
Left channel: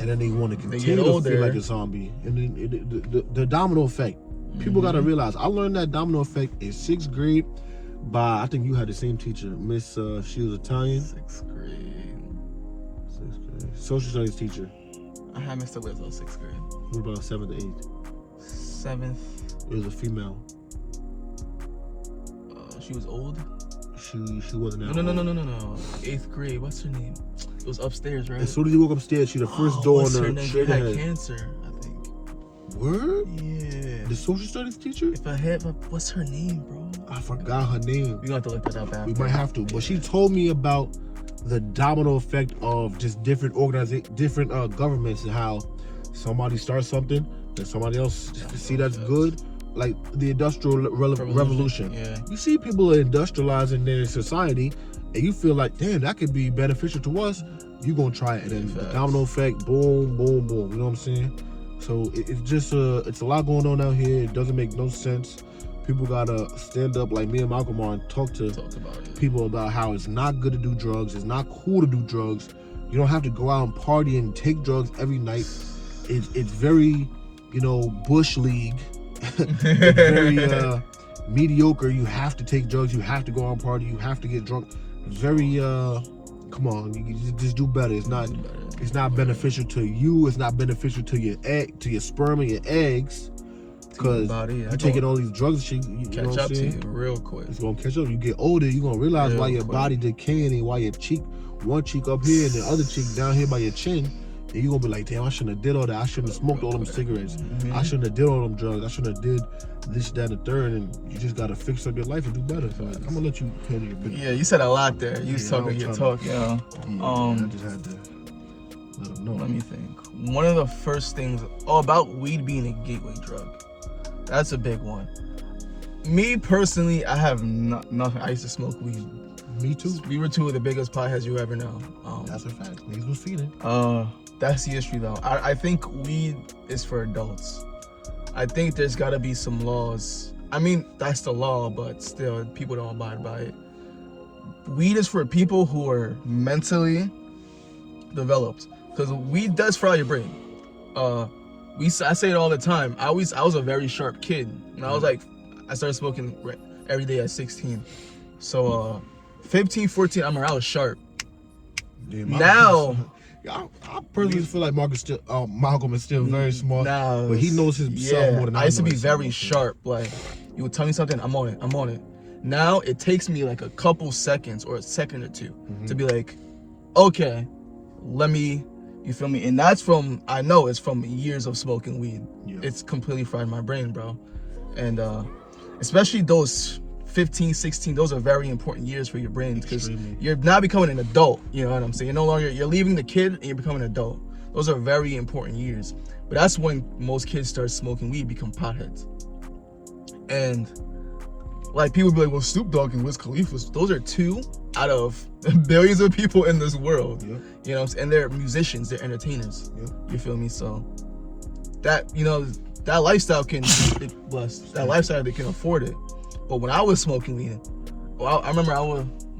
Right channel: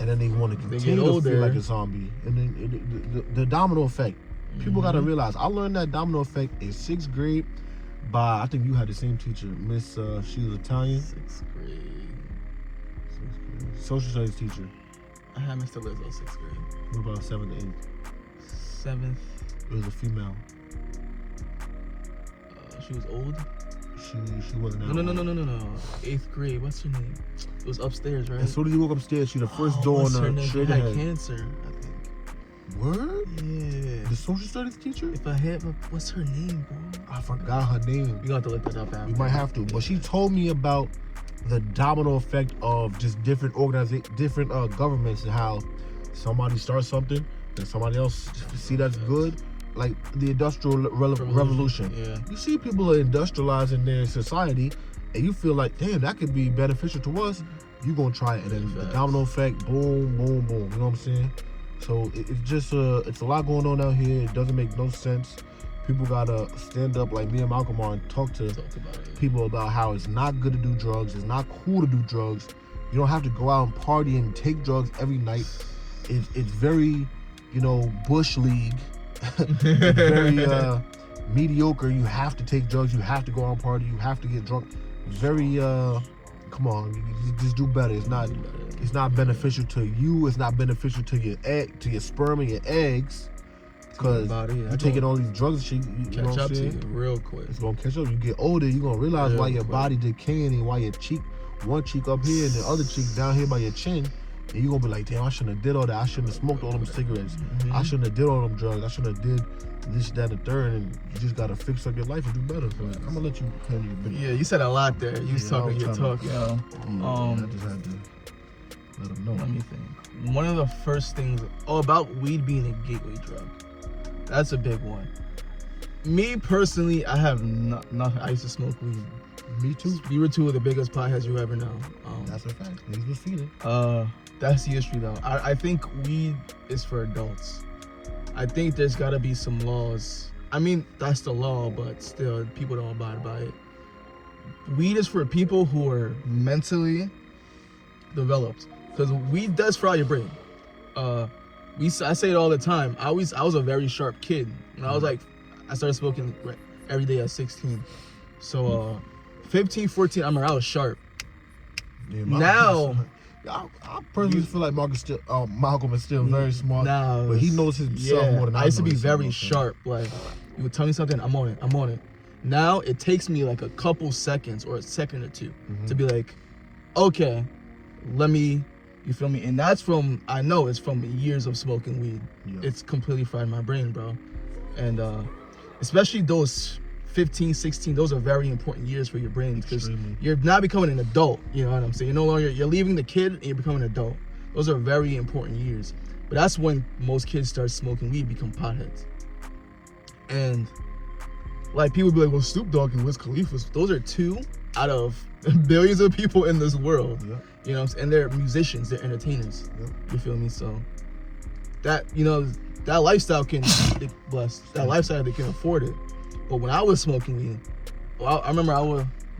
and then they want to continue to feel like a zombie. And then the domino effect. People gotta realize. I learned that domino effect in 6th grade by, I think you had the same teacher, Miss. She was Italian. 6th grade. social studies teacher? I had Mr. Liz in 6th grade. What about 7th to 8th? 7th. It was a female. She was old. She wasn't that No. old. 8th grade. What's her name? It was upstairs, right? As soon as you walk upstairs, she the first door on her She straight had ahead. cancer, I think. Word? Yeah. The social studies teacher? If I had, what's her name, bro? I forgot her name. We gonna have to look that up after. We might have to, but she told me about the domino effect of just different governments and how somebody starts something and somebody else see that's good. Like the Industrial Revolution. Yeah. You see people are industrializing their society, and you feel like, damn, that could be beneficial to us. You gonna try it, and then the domino effect, boom, boom, boom. You know what I'm saying? So it's just it's a lot going on out here. It doesn't make no sense. People gotta stand up like me and Malcolm are and talk to people about how it's not good to do drugs. It's not cool to do drugs. You don't have to go out and party and take drugs every night. It's very, bush league. It's very mediocre. You have to take drugs. You have to go out and party. You have to get drunk. It's very come on, you just do better. It's not beneficial to you. It's not beneficial to your sperm and your eggs. Because you're taking all these drugs and shit. You know what I'm saying? Real quick. It's gonna catch up. You get older, you're gonna realize why your body decaying and why your cheek, one cheek up here and the other cheek down here by your chin. And you're gonna be like, damn, I shouldn't have did all that. I shouldn't have smoked all them cigarettes. Mm-hmm. I shouldn't have did all them drugs. I shouldn't have did this, that, and the third. And you just gotta fix up your life and do better. I'm gonna let you put in a bit. Yeah, you said a lot there. You was talking your talk, yeah. I just had to let them know. Let me think. One of the first things about weed being a gateway drug. That's a big one. Me personally, I have nothing. I used to smoke weed. Me too. We were two of the biggest potheads you ever know. That's a fact. Niggas was feeding. That's the issue though. I think weed is for adults. I think there's gotta be some laws. I mean, that's the law, but still, people don't abide by it. Weed is for people who are mentally developed. Because weed does fry your brain. I say it all the time. I was a very sharp kid. And I started smoking every day at 16. So 15, 14, I was sharp. Yeah, now, I personally feel like Malcolm is still very smart, but he knows himself more than I know. I used to be very sharp. Like, you would tell me something, I'm on it. Now it takes me like a couple seconds or a second or two to be like, okay, let me. You feel me? And that's I know it's from years of smoking weed. Yeah. It's completely fried my brain, bro. And especially those 15, 16, those are very important years for your brain because you're now becoming an adult. You know what I'm saying? You're leaving the kid and you're becoming an adult. Those are very important years. But that's when most kids start smoking weed, become potheads. And like people be like, well, Snoop Dogg and Wiz Khalifa, those are two out of billions of people in this world. Yep. You know, and they're musicians, they're entertainers. Yep. You feel me? So that that lifestyle can be blessed. That lifestyle they can afford it. But when I was smoking weed, I remember I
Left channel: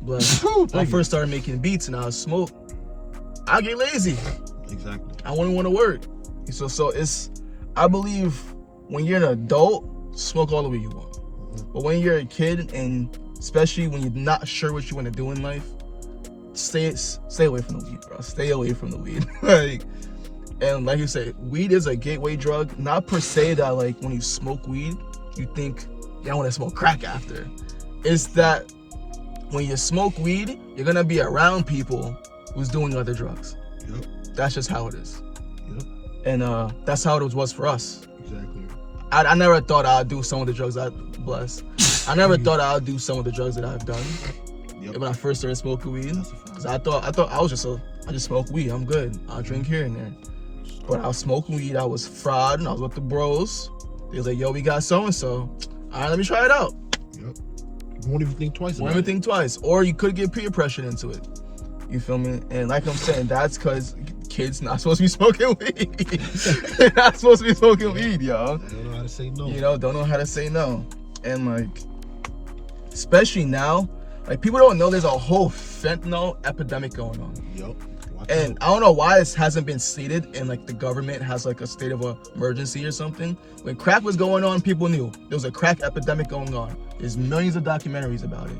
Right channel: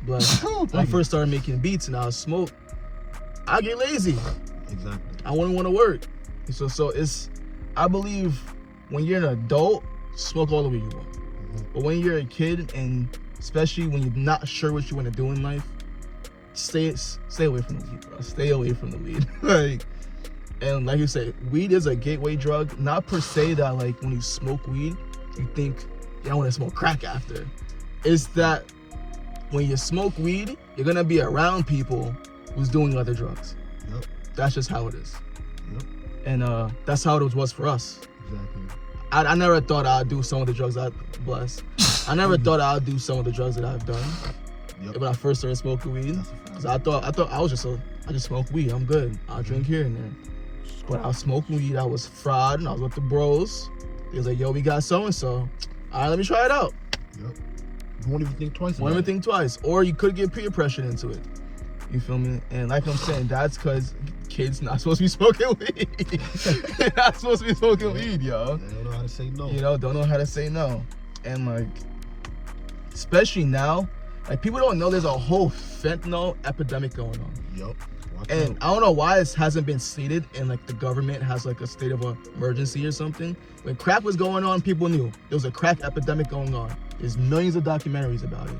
was when I first started making beats and I was smoke, I get lazy. Exactly. I wouldn't want to work. So I believe when you're an adult, smoke all the weed you want. But when you're a kid, and especially when you're not sure what you want to do in life, stay away from the weed, bro. Stay away from the weed. And like you said, weed is a gateway drug. Not per se that like when you smoke weed, you think, I want to smoke crack after. It's that when you smoke weed, you're gonna be around people who's doing other drugs. Yep. That's just how it is. Yep. And that's how it was for us. Exactly. I never thought I'd do some of the drugs I blessed. I never thought I'd do some of the drugs that I've done. Yep. When I first started smoking weed, because I thought I just smoke weed. I'm good. I'll drink here and there. But I smoked weed. I was fried, and I was with the bros. They was like, "Yo, we got so and so. All right, let me try it out." Yep. You won't even think twice. Won't even think twice. Or you could get peer pressure into it. You feel me? And like I'm saying, that's because kids not supposed to be smoking weed. They're not supposed to be smoking weed, yo. They don't know how to say no. Don't know how to say no. And like, especially now, like people don't know there's a whole fentanyl epidemic going on. Yep. And I don't know why this hasn't been stated and like the government has like a state of emergency or something. When crack was going on, people knew there was a crack epidemic going on. There's millions of documentaries about it.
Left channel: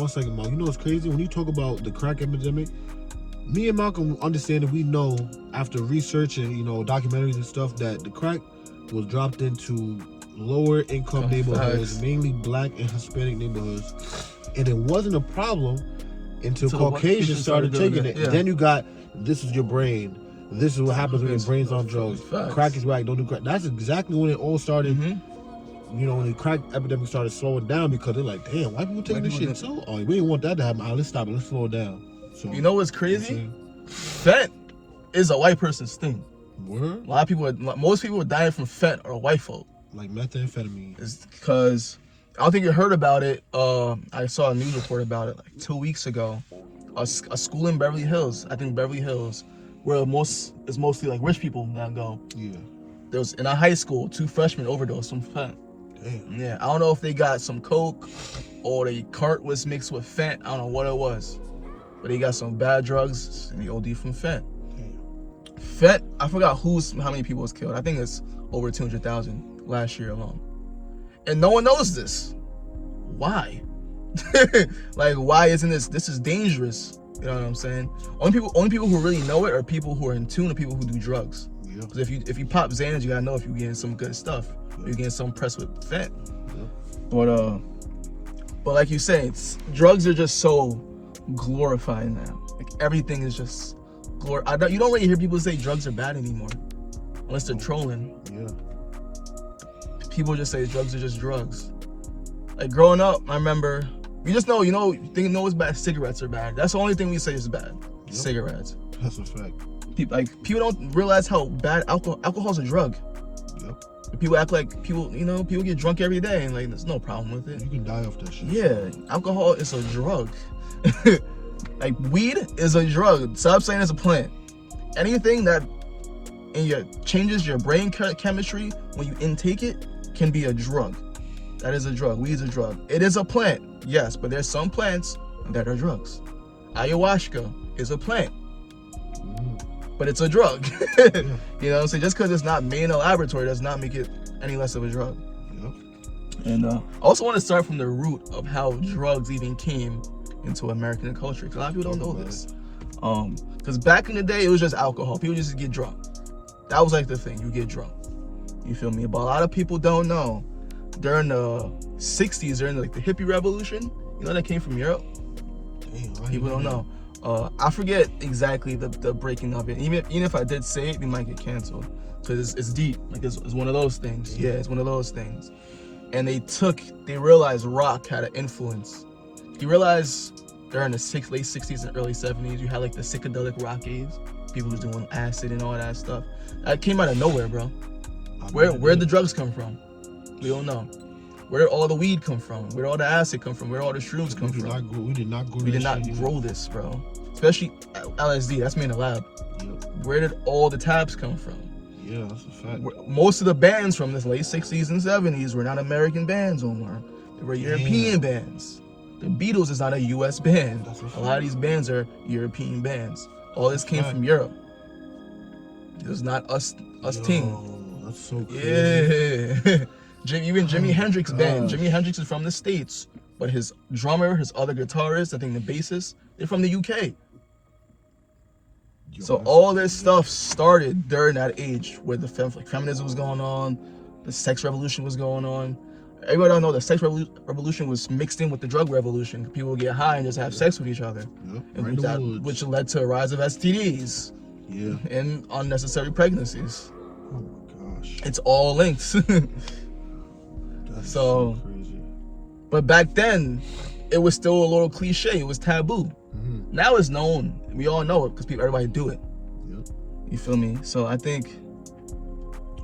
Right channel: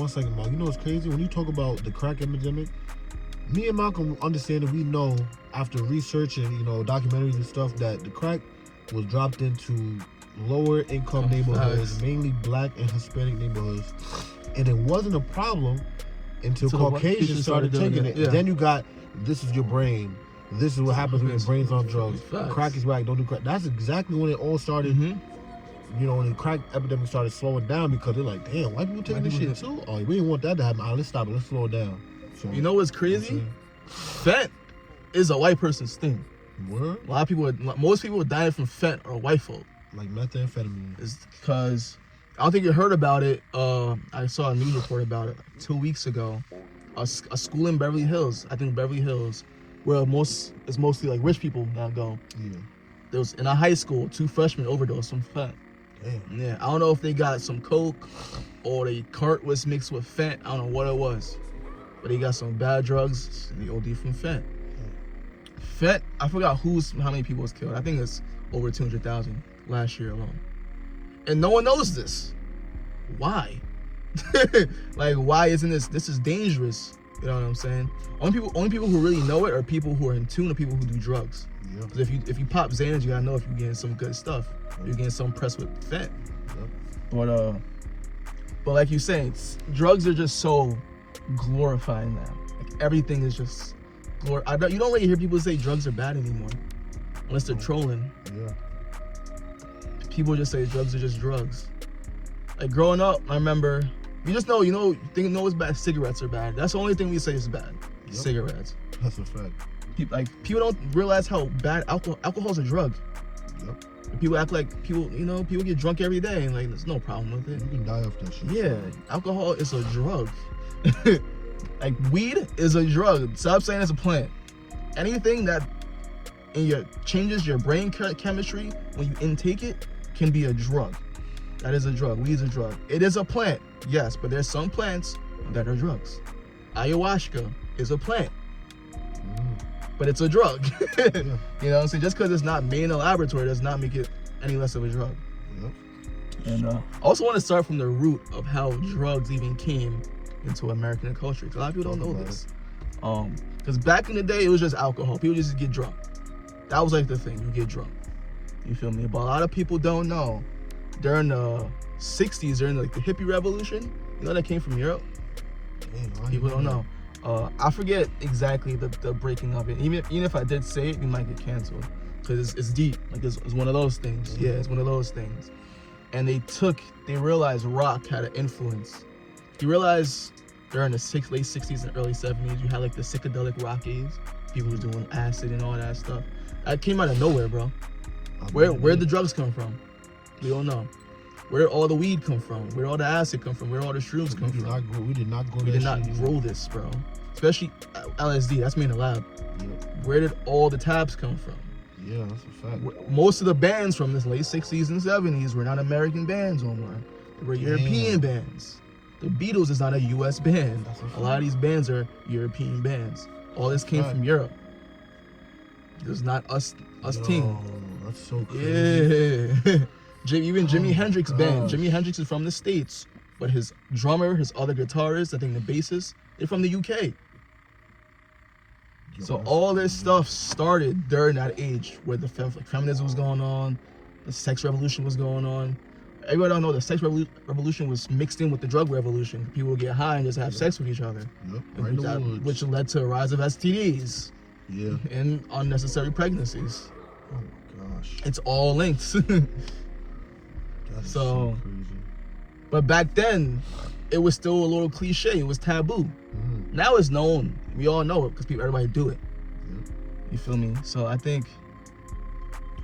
1 second, Mom. You know what's crazy? When you talk about the crack epidemic, Me and Malcolm understand that we know after researching, documentaries and stuff, that the crack was dropped into lower income neighborhoods, mainly black and Hispanic neighborhoods. And it wasn't a problem until Caucasians started taking it. Yeah. And then you got, this is your brain. This is what happens when your brain's on drugs. Crack is whack, don't do crack. That's exactly when it all started. When the crack epidemic started slowing down, because they're like, damn, white people taking this shit too? Oh, we didn't want that to happen. Let's stop it. Let's slow it down. So, you know what's crazy? Fent is a white person's thing. What? Most people are dying from fent or white folk. Like methamphetamine. It's because, I don't think you heard about it. I saw a news report about it like 2 weeks ago. A school in Beverly Hills, where it's mostly like rich people that go. Yeah. There was, in a high school, 2 freshmen overdosed from fent. Damn. Yeah, I don't know if they got some coke or the cart was mixed with fent. I don't know what it was. But he got some bad drugs and he OD from fent. Fent, I forgot how many people was killed. I think it's over 200,000 last year alone. And no one knows this. Why? Like, why isn't this is dangerous. You know what I'm saying? Only people who really know it are people who are in tune to people who do drugs. Because if you pop Xanax, you gotta know if you're getting some good stuff. If you're getting some pressed with fent. But like you say, drugs are just so glorified now. Like, everything is just glorified. You don't really hear people say drugs are bad anymore, unless they're trolling. People just say drugs are just drugs. Like, growing up, I remember, you just know, what's bad. Cigarettes are bad. That's the only thing we say is bad. Cigarettes. That's a fact. People don't realize how bad alcohol's a drug. People act like people get drunk every day, and like there's no problem with it. You can die off that shit. Yeah, alcohol is a drug. Like, weed is a drug. Stop saying it's a plant. Anything that changes your brain chemistry when you intake it can be a drug. That is a drug. Weed is a drug. It is a plant, yes, but there's some plants that are drugs. Ayahuasca is a plant, but it's a drug. You know what I'm saying? Just because it's not made in a laboratory does not make it any less of a drug. And I also want to start from the root of how drugs even came into American culture, because a lot of people don't know this. Because back in the day, it was just alcohol. People just get drunk. That was like the thing. You get drunk. You feel me? But a lot of people don't know. During the 60s, during like the hippie revolution, that came from Europe. People don't know. I forget exactly the breaking of it. Even if I did say it, we might get canceled, because it's deep. Like, it's one of those things. Yeah, it's one of those things. And they realized rock had an influence. You realize during the late 60s and early 70s, you had like the psychedelic rock age. People was doing acid and all that stuff. That came out of nowhere, bro. Where'd the drugs come from? We don't know. Where did all the weed come from? Where did all the acid come from? Where did all the shrooms come from? We did not grow this, bro. Especially LSD. That's made in the lab. Where did all the tabs come from? Yeah, that's a fact. Most of the bands from the late 60s and 70s were not American bands anymore. They were European bands. The Beatles is not a U.S. band. A lot of these bands are European bands. All this came from Europe. It was not us team. That's so crazy. Yeah. Even Jimi Hendrix band. Jimi Hendrix is from the States, but his drummer, his other guitarist, I think the bassist, they're from the UK. So all this stuff started during that age where the feminism was going on, the sex revolution was going on. Everybody don't know the sex revolution was mixed in with the drug revolution. People would get high and just have sex with each other, which led to a rise of STDs and unnecessary pregnancies. Oh my gosh. It's all linked. so crazy. But back then, it was still a little cliche. It was taboo. Now it's known. We all know it because everybody do it. You feel me? So I think,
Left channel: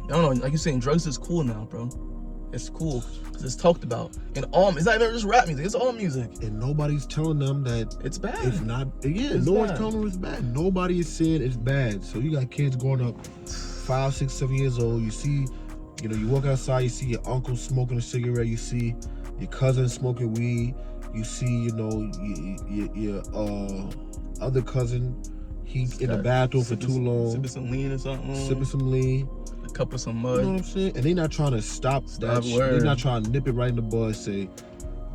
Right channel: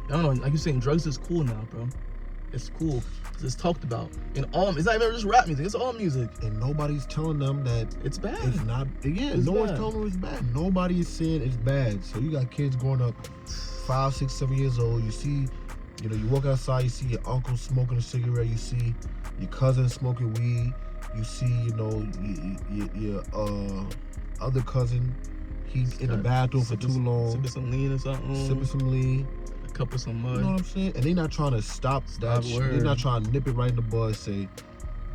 I don't know, like you're saying, drugs is cool now, bro. It's cool because it's talked about. And it's not even just rap music, it's all music. And nobody's telling them that it's bad. It's not, no one's telling them it's bad. Nobody is saying it's bad. So you got kids growing up 5, 6, 7 years old. You see, you walk outside, you see your uncle smoking a cigarette, you see your cousin smoking weed, you see, your other cousin, he's in the bathroom for too long. Sipping some lean or something. Sipping some lean. A cup of some mud. You know what I'm saying? And they're not trying to stop that shit. They're not trying to nip it right in the bud and say,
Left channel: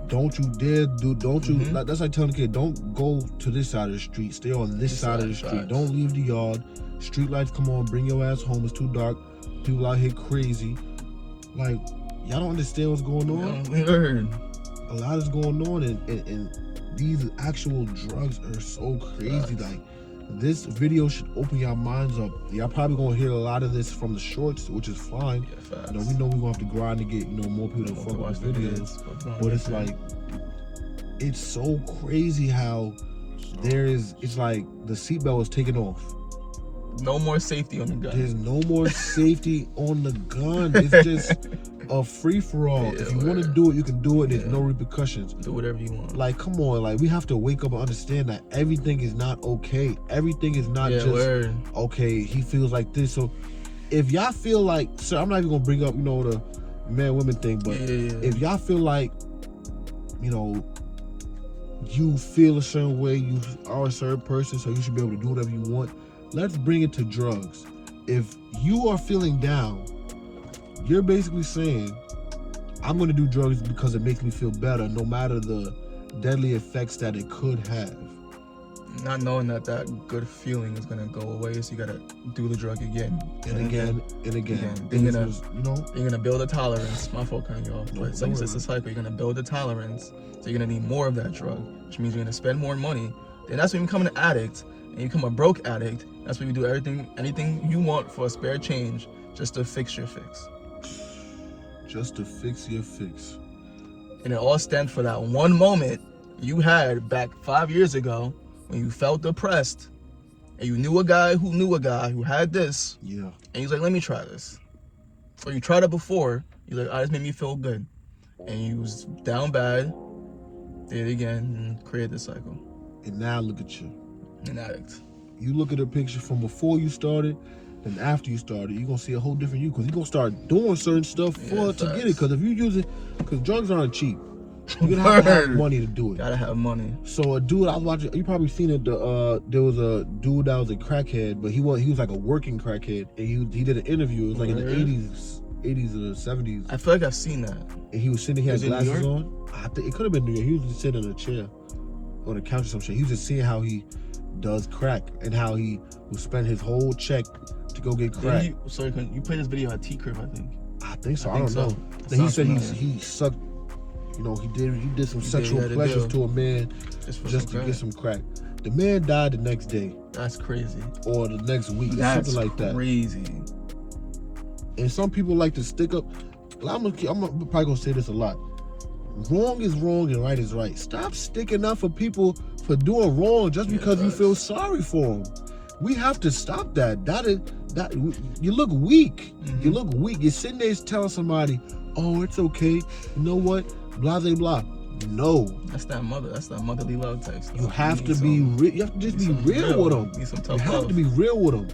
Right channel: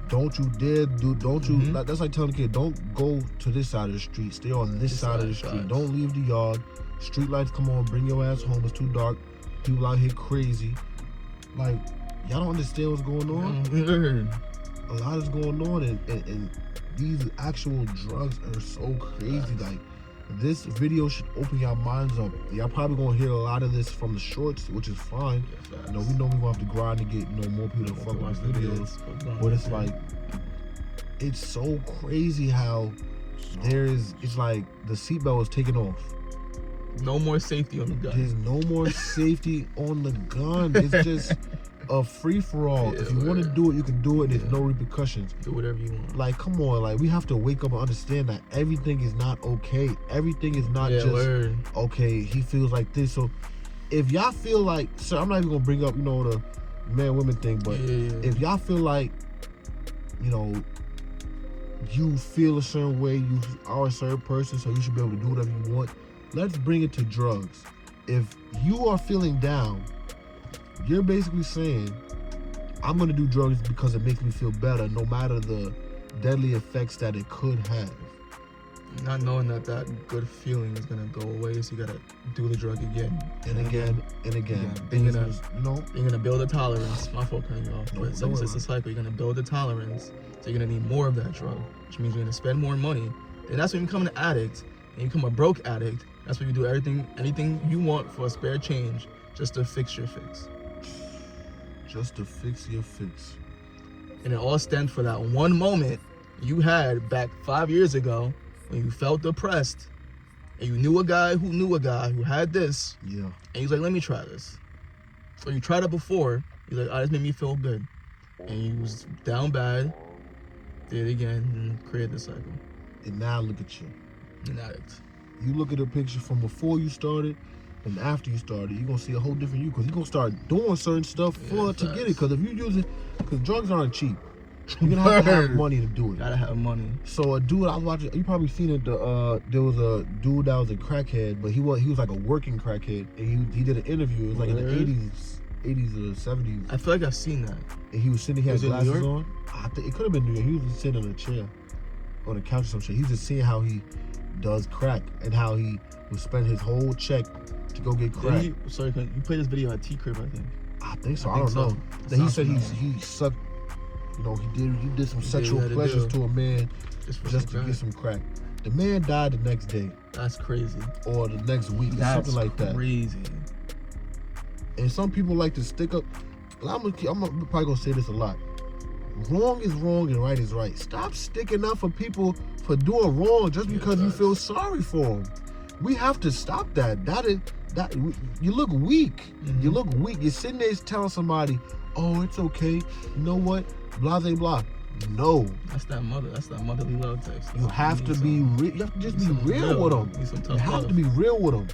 Don't you dare don't you, like, that's like telling the kid, don't go to this side of the street, stay on this side of the street. Don't leave the yard. Street lights come on, bring your ass home, it's too dark. People out here crazy. Like, y'all don't understand what's going on? A lot is going on, and these actual drugs are so crazy. Like, this video should open your minds up. Y'all probably gonna hear a lot of this from the shorts, which is fine. You know, we know we're gonna have to grind to get, more people to fuck with the videos. But it's like, it's so crazy how it's like the seatbelt was taken off. No more safety on the gun. There's no more safety on the gun. It's just a free-for-all. If you want to do it, you can do it. There's no repercussions. Do whatever you want. Like, come on. Like, we have to wake up and understand that everything is not okay. Everything is not okay, he feels like this. So if y'all feel like, so I'm not even going to bring up, the man-women thing, but if y'all feel like, you feel a certain way, you are a certain person, so you should be able to do whatever you want, let's bring it to drugs. If you are feeling down, you're basically saying, I'm going to do drugs because it makes me feel better, no matter the deadly effects that it could have. Not knowing that good feeling is going to go away, so you got to do the drug again. And again. You're going to build a tolerance. My fault, cutting you off. But it's a cycle. You're going to build a tolerance, so you're going to need more of that drug, which means you're going to spend more money. And that's when you become an addict, and you become a broke addict. That's when you do anything you want for a spare change, just to fix your fix. Just to fix your fix. And it all stems for that one moment you had back 5 years ago when you felt depressed and you knew a guy who had this. Yeah. And he was like, let me try this. So you tried it before. You're like, this made me feel good. And you was down bad, did it again, and created the cycle. And now look at you. An addict. You look at the picture from before you started and after you started, you're going to see a whole different you, because you're going to start doing certain stuff to get it. Because if you use it, because drugs aren't cheap. You're going to have to have money to do it. Gotta have money. So a dude I was watching, you probably seen it, there was a dude that was a crackhead, but he was like a working crackhead. And he did an interview. It was like in the 80s or the 70s. I feel like I've seen that. And he was sitting, he had glasses on. I think it could have been New York. He was just sitting in a chair on the couch or some shit. He was just seeing how he does crack and how he would spend his whole check to go get crack. You played this video at T-Crib, I think. I think so. I don't know. And he said he sucked, he did some sexual pleasures to a man just to get some crack. The man died the next day. That's crazy. Or the next week, or something like that. That's crazy. And some people like to stick up. I'm probably gonna say this a lot. Wrong is wrong and right is right. Stop sticking up for people for doing wrong just because you feel sorry for them. We have to stop that. You look weak. Mm-hmm. You look weak. You're sitting there telling somebody, "Oh, it's okay. You know what? Blah blah blah." No. That's that motherly love text. You have to be real. You have to just be real with them. You have to be real with them.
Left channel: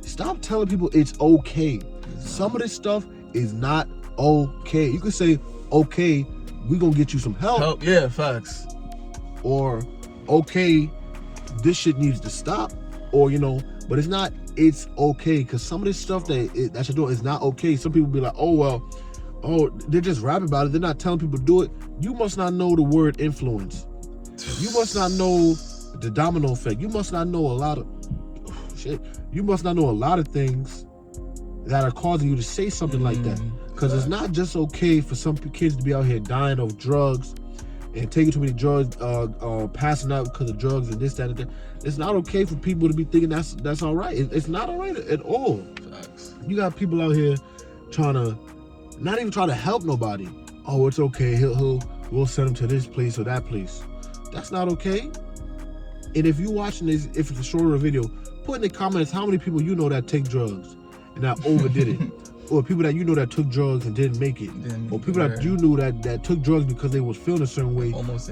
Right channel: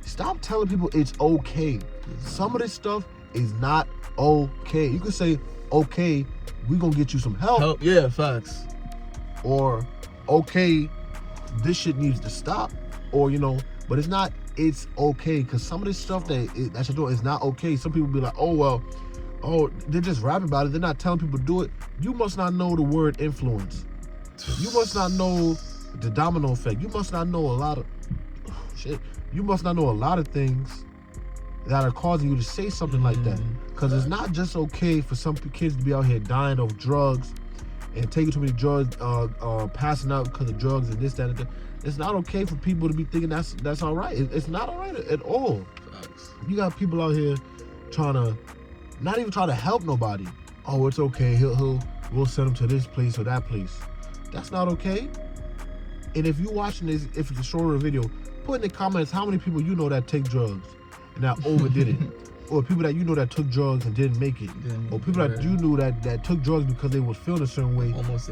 Stop telling people it's okay. Some of this stuff is not okay. You can say, "Okay, we gonna get you some help." Yeah, facts. Or, "Okay, this shit needs to stop." Or, but it's not, it's okay. Because some of this stuff that you're doing is not okay. Some people be like, they're just rapping about it. They're not telling people to do it. You must not know the word influence. You must not know the domino effect. You must not know a lot of shit. You must not know a lot of things that are causing you to say something like that. Because it's not just okay for some kids to be out here dying of drugs and taking too many drugs, passing out because of drugs and this, that, and that. It's not okay for people to be thinking that's all right. It's not all right at all. You got people out here not even trying to help nobody. Oh, it's okay. We'll send him to this place or that place. That's not okay. And if you're watching this, if it's a shorter video, put in the comments how many people you know that take drugs and that overdid it. Or people that you know that took drugs and didn't make it. Or people that you knew that took drugs because they was feeling a certain way. Almost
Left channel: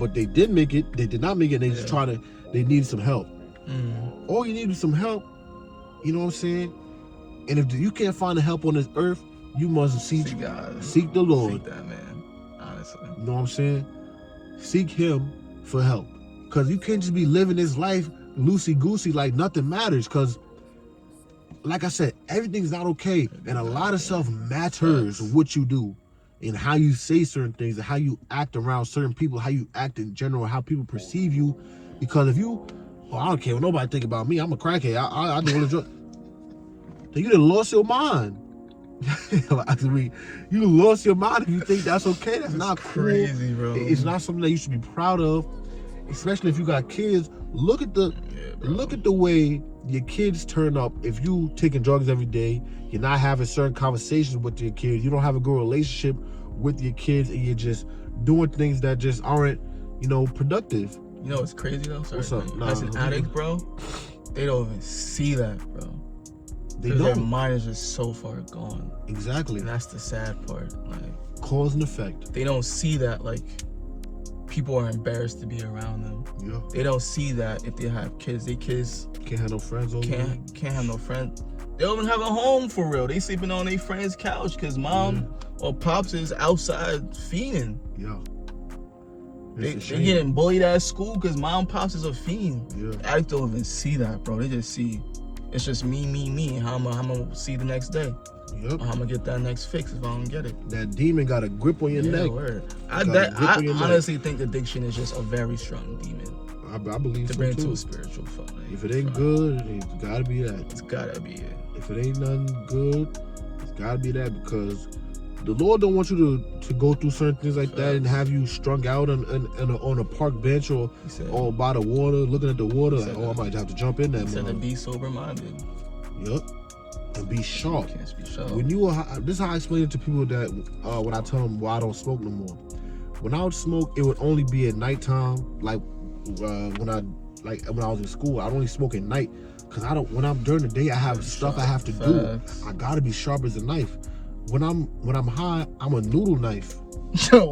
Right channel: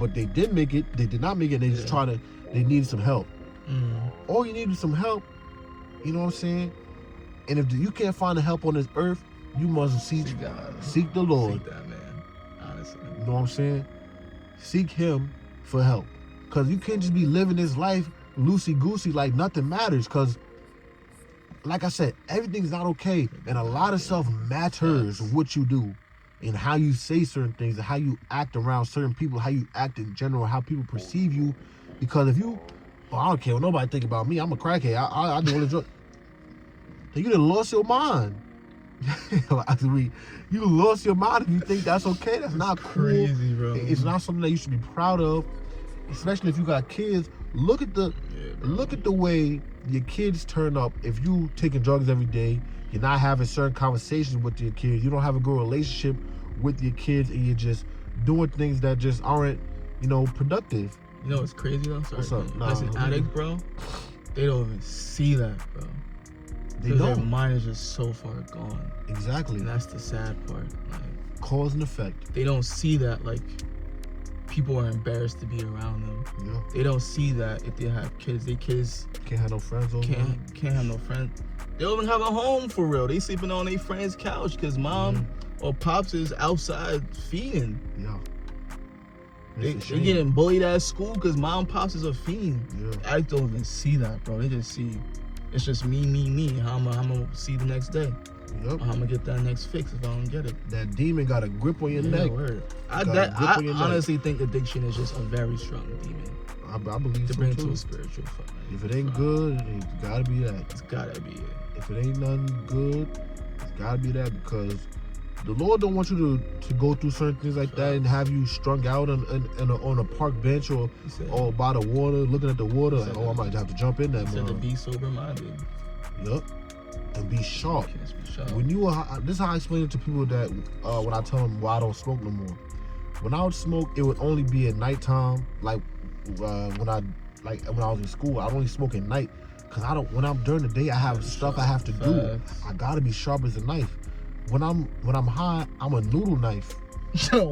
but they did make it. They did not make it. And they needed some help. Mm-hmm. All you need is some help. You know what I'm saying? And if you can't find the help on this earth, you must seek the Lord. Seek that, man. Honestly. You know what I'm saying? Seek Him for help. Because you can't just be living this life loosey-goosey like nothing matters. Because, like I said, everything's not okay. And a lot of stuff matters what you do. and how you say certain things and how you act around certain people, how you act in general, how people perceive you. Because if you, I don't care what nobody think about me, I'm a crackhead, I do what a drug. You done lost your mind. You lost your mind if you think that's okay. That's not cool. Crazy, bro. It's not something that you should be proud of, especially if you got kids. Look at the way your kids turn up. If you taking drugs every day, you're not having certain conversations with your kids, you don't have a good relationship with your kids, and you're just doing things that just aren't, productive. You know what's crazy though? What's up? As an addict, bro, they don't even see that, bro. Their mind is just so far gone. Exactly. And that's the sad part. Like, cause and effect. They don't see that, like, people are embarrassed to be around them. Yeah. They don't see that if they have kids, their kids can't have no friends over can't have no friends. They don't even have a home for real. They sleeping on their friend's couch because mom or pops is outside feeding. Yeah. They getting bullied at school because mom and pops is a fiend. Yeah. Addicts don't even see that, bro. They just see it's just me, and how I'm gonna see the next day. Yep. I'm gonna get that next fix if I don't get it. That demon got a grip on your neck. Word. I honestly think addiction is just a very strong demon. I believe to so bring too. To a spiritual fight. If it ain't good, it's gotta be that. It's gotta be it. If it ain't nothing good, it's gotta be that, because the Lord don't want you to go through certain things like that and have you strung out on a park bench or by the water, looking at the water like, I might have to jump in there. He said to be sober-minded. Yep. And be sharp. Be When you this is how I explain it to people that when I tell them why I don't smoke no more. When I would smoke, it would only be at nighttime. Like when I was in school, I'd only smoke at night. Cause when I'm during the day, I have stuff I have to do. I gotta be sharp as a knife. When I'm high, I'm a noodle knife.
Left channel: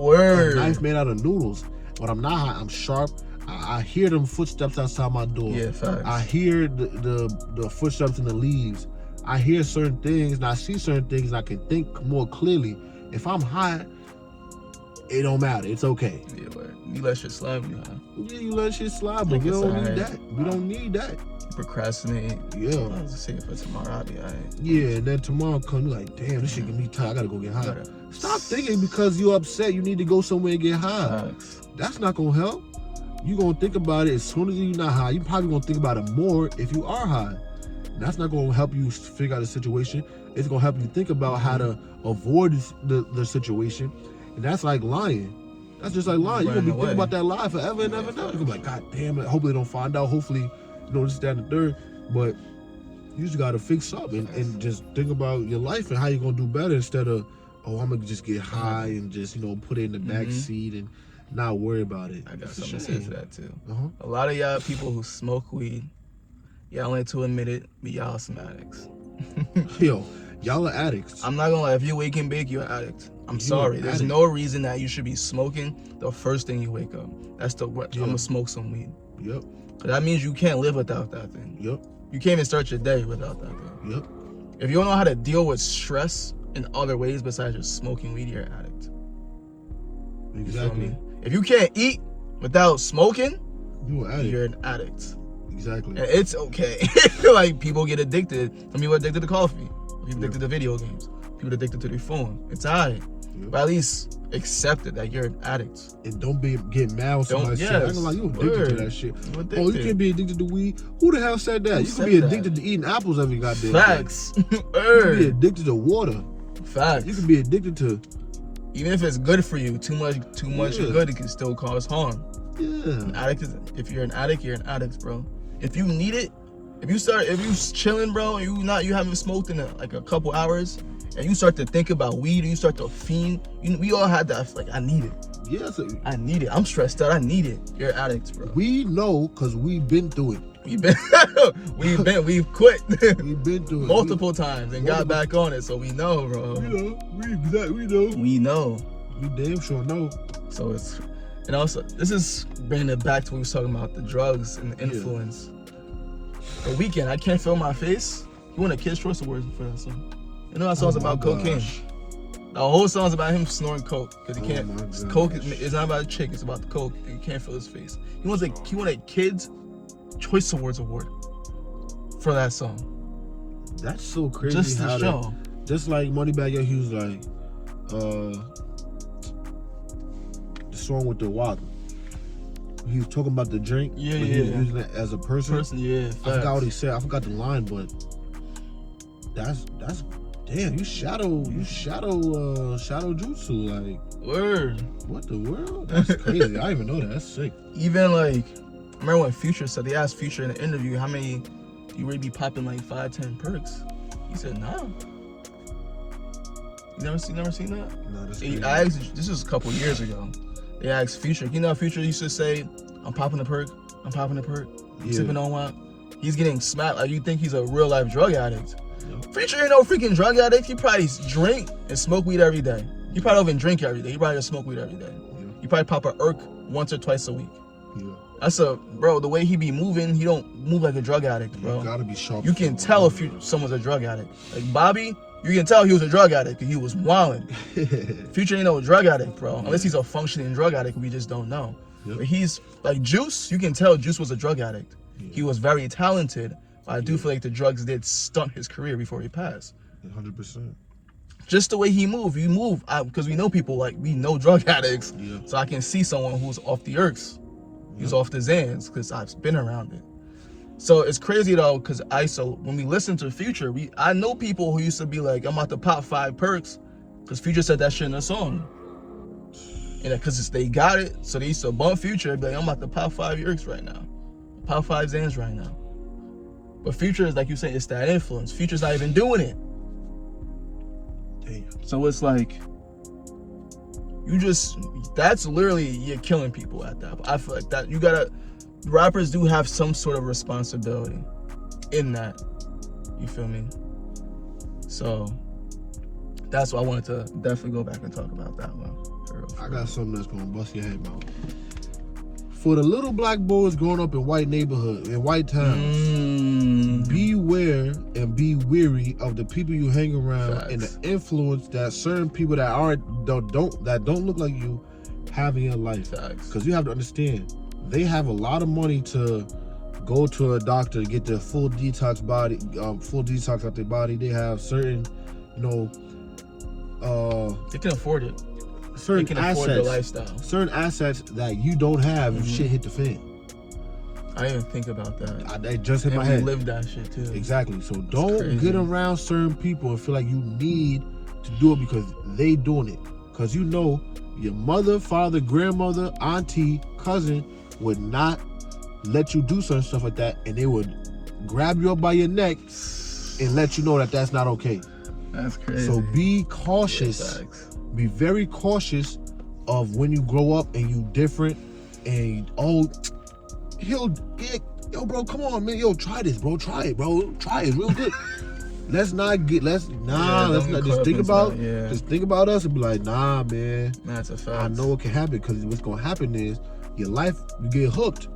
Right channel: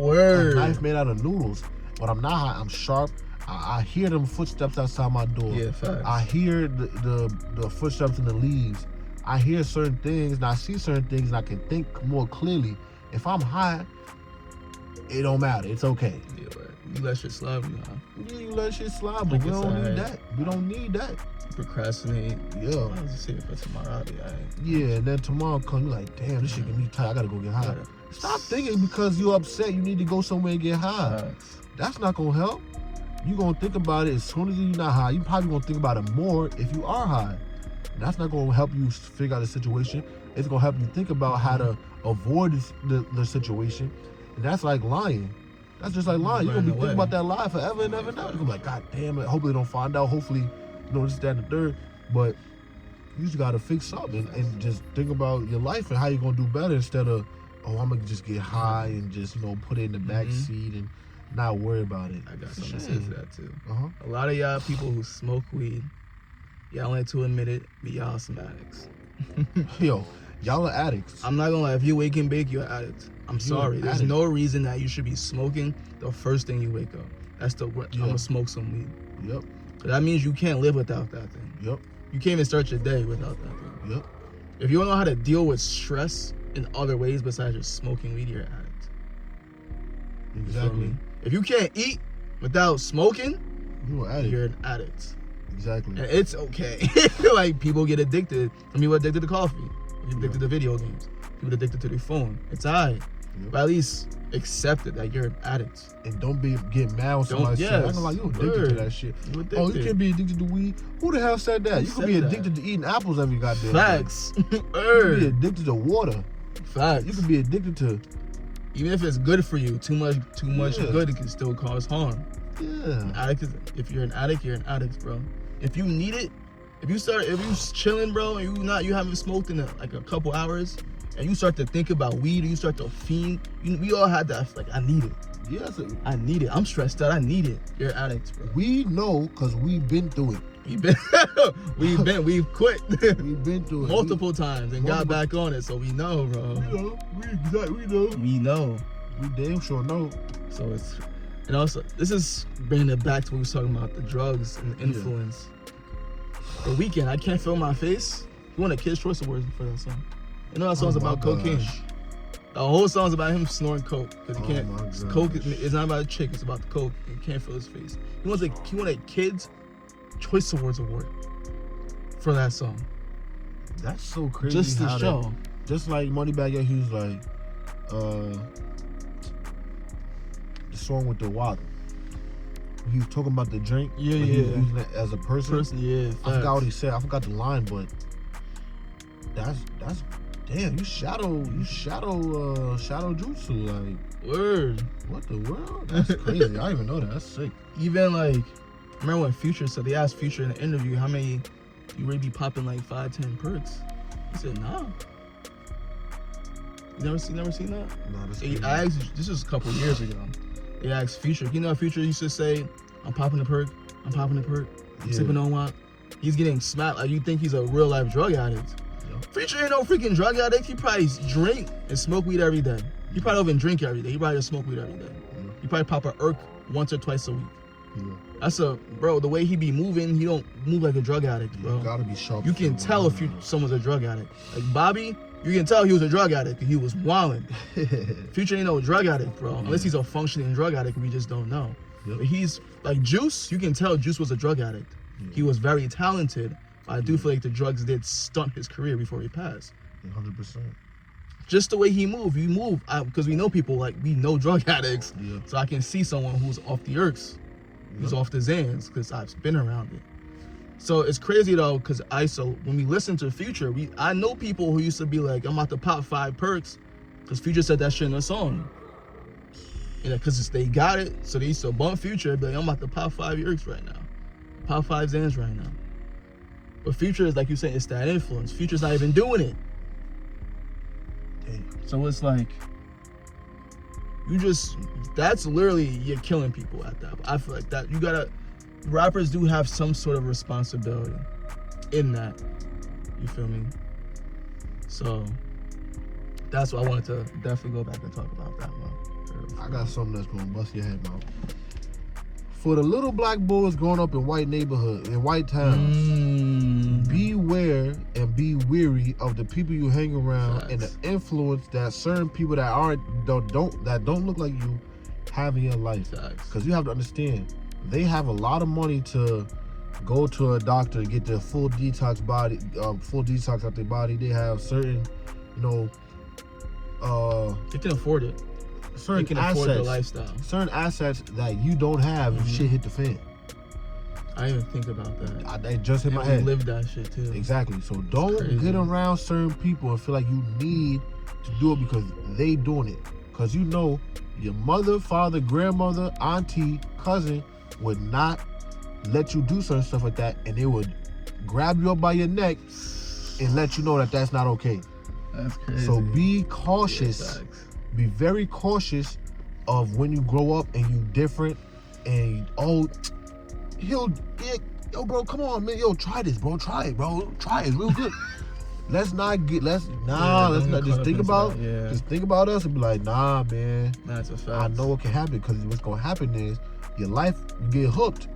Word. A knife made out of noodles. When I'm not high, I'm sharp. I hear them footsteps outside my door. Yeah, facts. I hear the footsteps in the leaves. I hear certain things and I see certain things and I can think more clearly. If I'm high, it don't matter. It's okay. Yeah, word. You let shit slide, you let shit slide, but we don't need that. We don't need that. Procrastinate. Yeah. Just saying for tomorrow. Yeah, and then tomorrow come, you're like, damn, this shit get me tired. I gotta go get high. Stop thinking because you're upset you need to go somewhere and get high. That's not gonna help. You gonna think about it as soon as you're not high. You probably gonna think about it more if you are high. That's not gonna help you figure out the situation. It's gonna help you think about how to avoid the situation. And that's like lying. That's just like lying. You're gonna be thinking about that lie forever and ever and ever. You're gonna be like, God damn it. Hopefully they don't find out. Hopefully, this, that, and the third. But you just gotta fix up and just think about your life and how you're gonna do better instead of, I'm gonna just get high and just, put it in the back seat and not worry about it. I got something to say for that too. Uh-huh. A lot of y'all people who smoke weed, y'all ain't to admit it, but y'all some addicts. Yo, y'all are addicts. I'm not gonna lie, if you wake and bake, you're an addict. I'm sorry. There's no reason that you should be smoking the first thing you wake up. That's the word. I'm gonna smoke some weed. Yep. That means you can't live without that thing. Yep. You can't even start your day without that thing. Yep. If you don't know how to deal with stress in other ways besides just smoking weed, you're an addict. Exactly. If you can't eat without smoking, you're an addict. Exactly. And it's okay. Like, people get addicted. Some people are addicted to coffee. You're addicted to video games. People are addicted to their phone. It's alright. But at least accept it that you're an addict. And don't get mad when somebody says, I'm gonna lie, you addicted to that shit. Oh, you can't be addicted to weed? Who the hell said that? You can be addicted to eating apples every goddamn day. Facts. You can be addicted to water. Facts. You can be addicted to, even if it's good for you, too much good, it can still cause harm. Yeah. If you're an addict, you're an addict, bro. If you need it, if you chilling, bro, you haven't smoked in like a couple hours, and you start to think about weed, and you start to fiend, we all had that, like, I need it. Yes. I need it. I'm stressed out. I need it. You're an addict, bro. We know because we've been through it. We've quit. We've been through it multiple times and got back on it, so we know, bro. We know. We know. We damn sure know. So and also, this is bringing it back to what we was talking about, the drugs and the influence. The Weeknd, I Can't Feel My Face. You want a Kid's Choice Award for that song? You know that song's about cocaine. The whole song's about him snorting coke because he can't. Coke is not about a chick; it's about the coke. He can't feel his face. He won a Kids Choice Awards award for that song. That's so crazy. Just to show. Just like Moneybagg Yo, he was like, the song with the Walk. He was talking about the drink. Yeah, but he was using it as a person. Yeah. I forgot what he said. I forgot the line, but that's damn. You shadow jutsu, like. Word. What the world? That's crazy. I didn't even know that. That's sick. Even like, I remember when Future said, they asked Future in an interview, how many you really be popping like 5-10 perks? He said, no. You never seen that? No, that's He crazy. asked, this is a couple years ago. They asked Future. You know how Future used to say, I'm popping a perk, I'm sipping on one. He's getting smacked like you think he's a real life drug addict. Yep. Future ain't no freaking drug addict. He probably drink and smoke weed every day. He probably don't even drink every day. He probably just smoke weed every day. He probably pop a irk once or twice a week. That's bro, the way he be moving, he don't move like a drug addict, bro. You gotta be sharp. You can tell if someone's a drug addict. Like Bobby, you can tell he was a drug addict because he was wilding. Future ain't no drug addict, bro. Unless he's a functioning drug addict, we just don't know. But he's like Juice, you can tell Juice was a drug addict. He was very talented, but I do feel like the drugs did stunt his career before he passed. 100%. Just the way he moved, because we know people, like, we know drug addicts, so I can see someone who's off the irks, who's off the Xans, because I've been around it. So it's crazy though, because when we listen to Future, I know people who used to be like, I'm about to pop 5 perks, because Future said that shit in the song. And because they got it, so they used to bump Future, and be like, I'm about to pop 5 irks right now. Pop 5 Xans right now. But Future is, like you said, it's that influence. Future's not even doing it. So it's like, that's literally, you're killing people at that. I feel like that, rappers do have some sort of responsibility in that. You feel me? So, that's why I wanted to definitely go back and talk about that one. I got something that's gonna bust your head, bro. For the little black boys growing up in white neighborhoods, in white towns, beware and be weary of the people you hang around. Facts. And the influence that certain people that don't look like you have in your life. Because you have to understand, they have a lot of money to go to a doctor to get their full detox out their body. They have certain, they can afford it. Certain assets, afford the lifestyle. Certain assets that you don't have if shit hit the fan. I didn't think about that. I just hit my head. Live that shit too. Exactly. So don't get around certain people and feel like you need to do it because they doing it. Because your mother, father, grandmother, auntie, cousin would not let you do certain stuff like that, and they would grab you up by your neck and let you know that that's not okay. That's crazy. So be cautious. Be very cautious of when you grow up and you different and yo bro, come on man, yo try this bro, try it real good. Let's not just think about us and be like, nah man, that's a fact. I know what can happen, because what's gonna happen is your life, you get hooked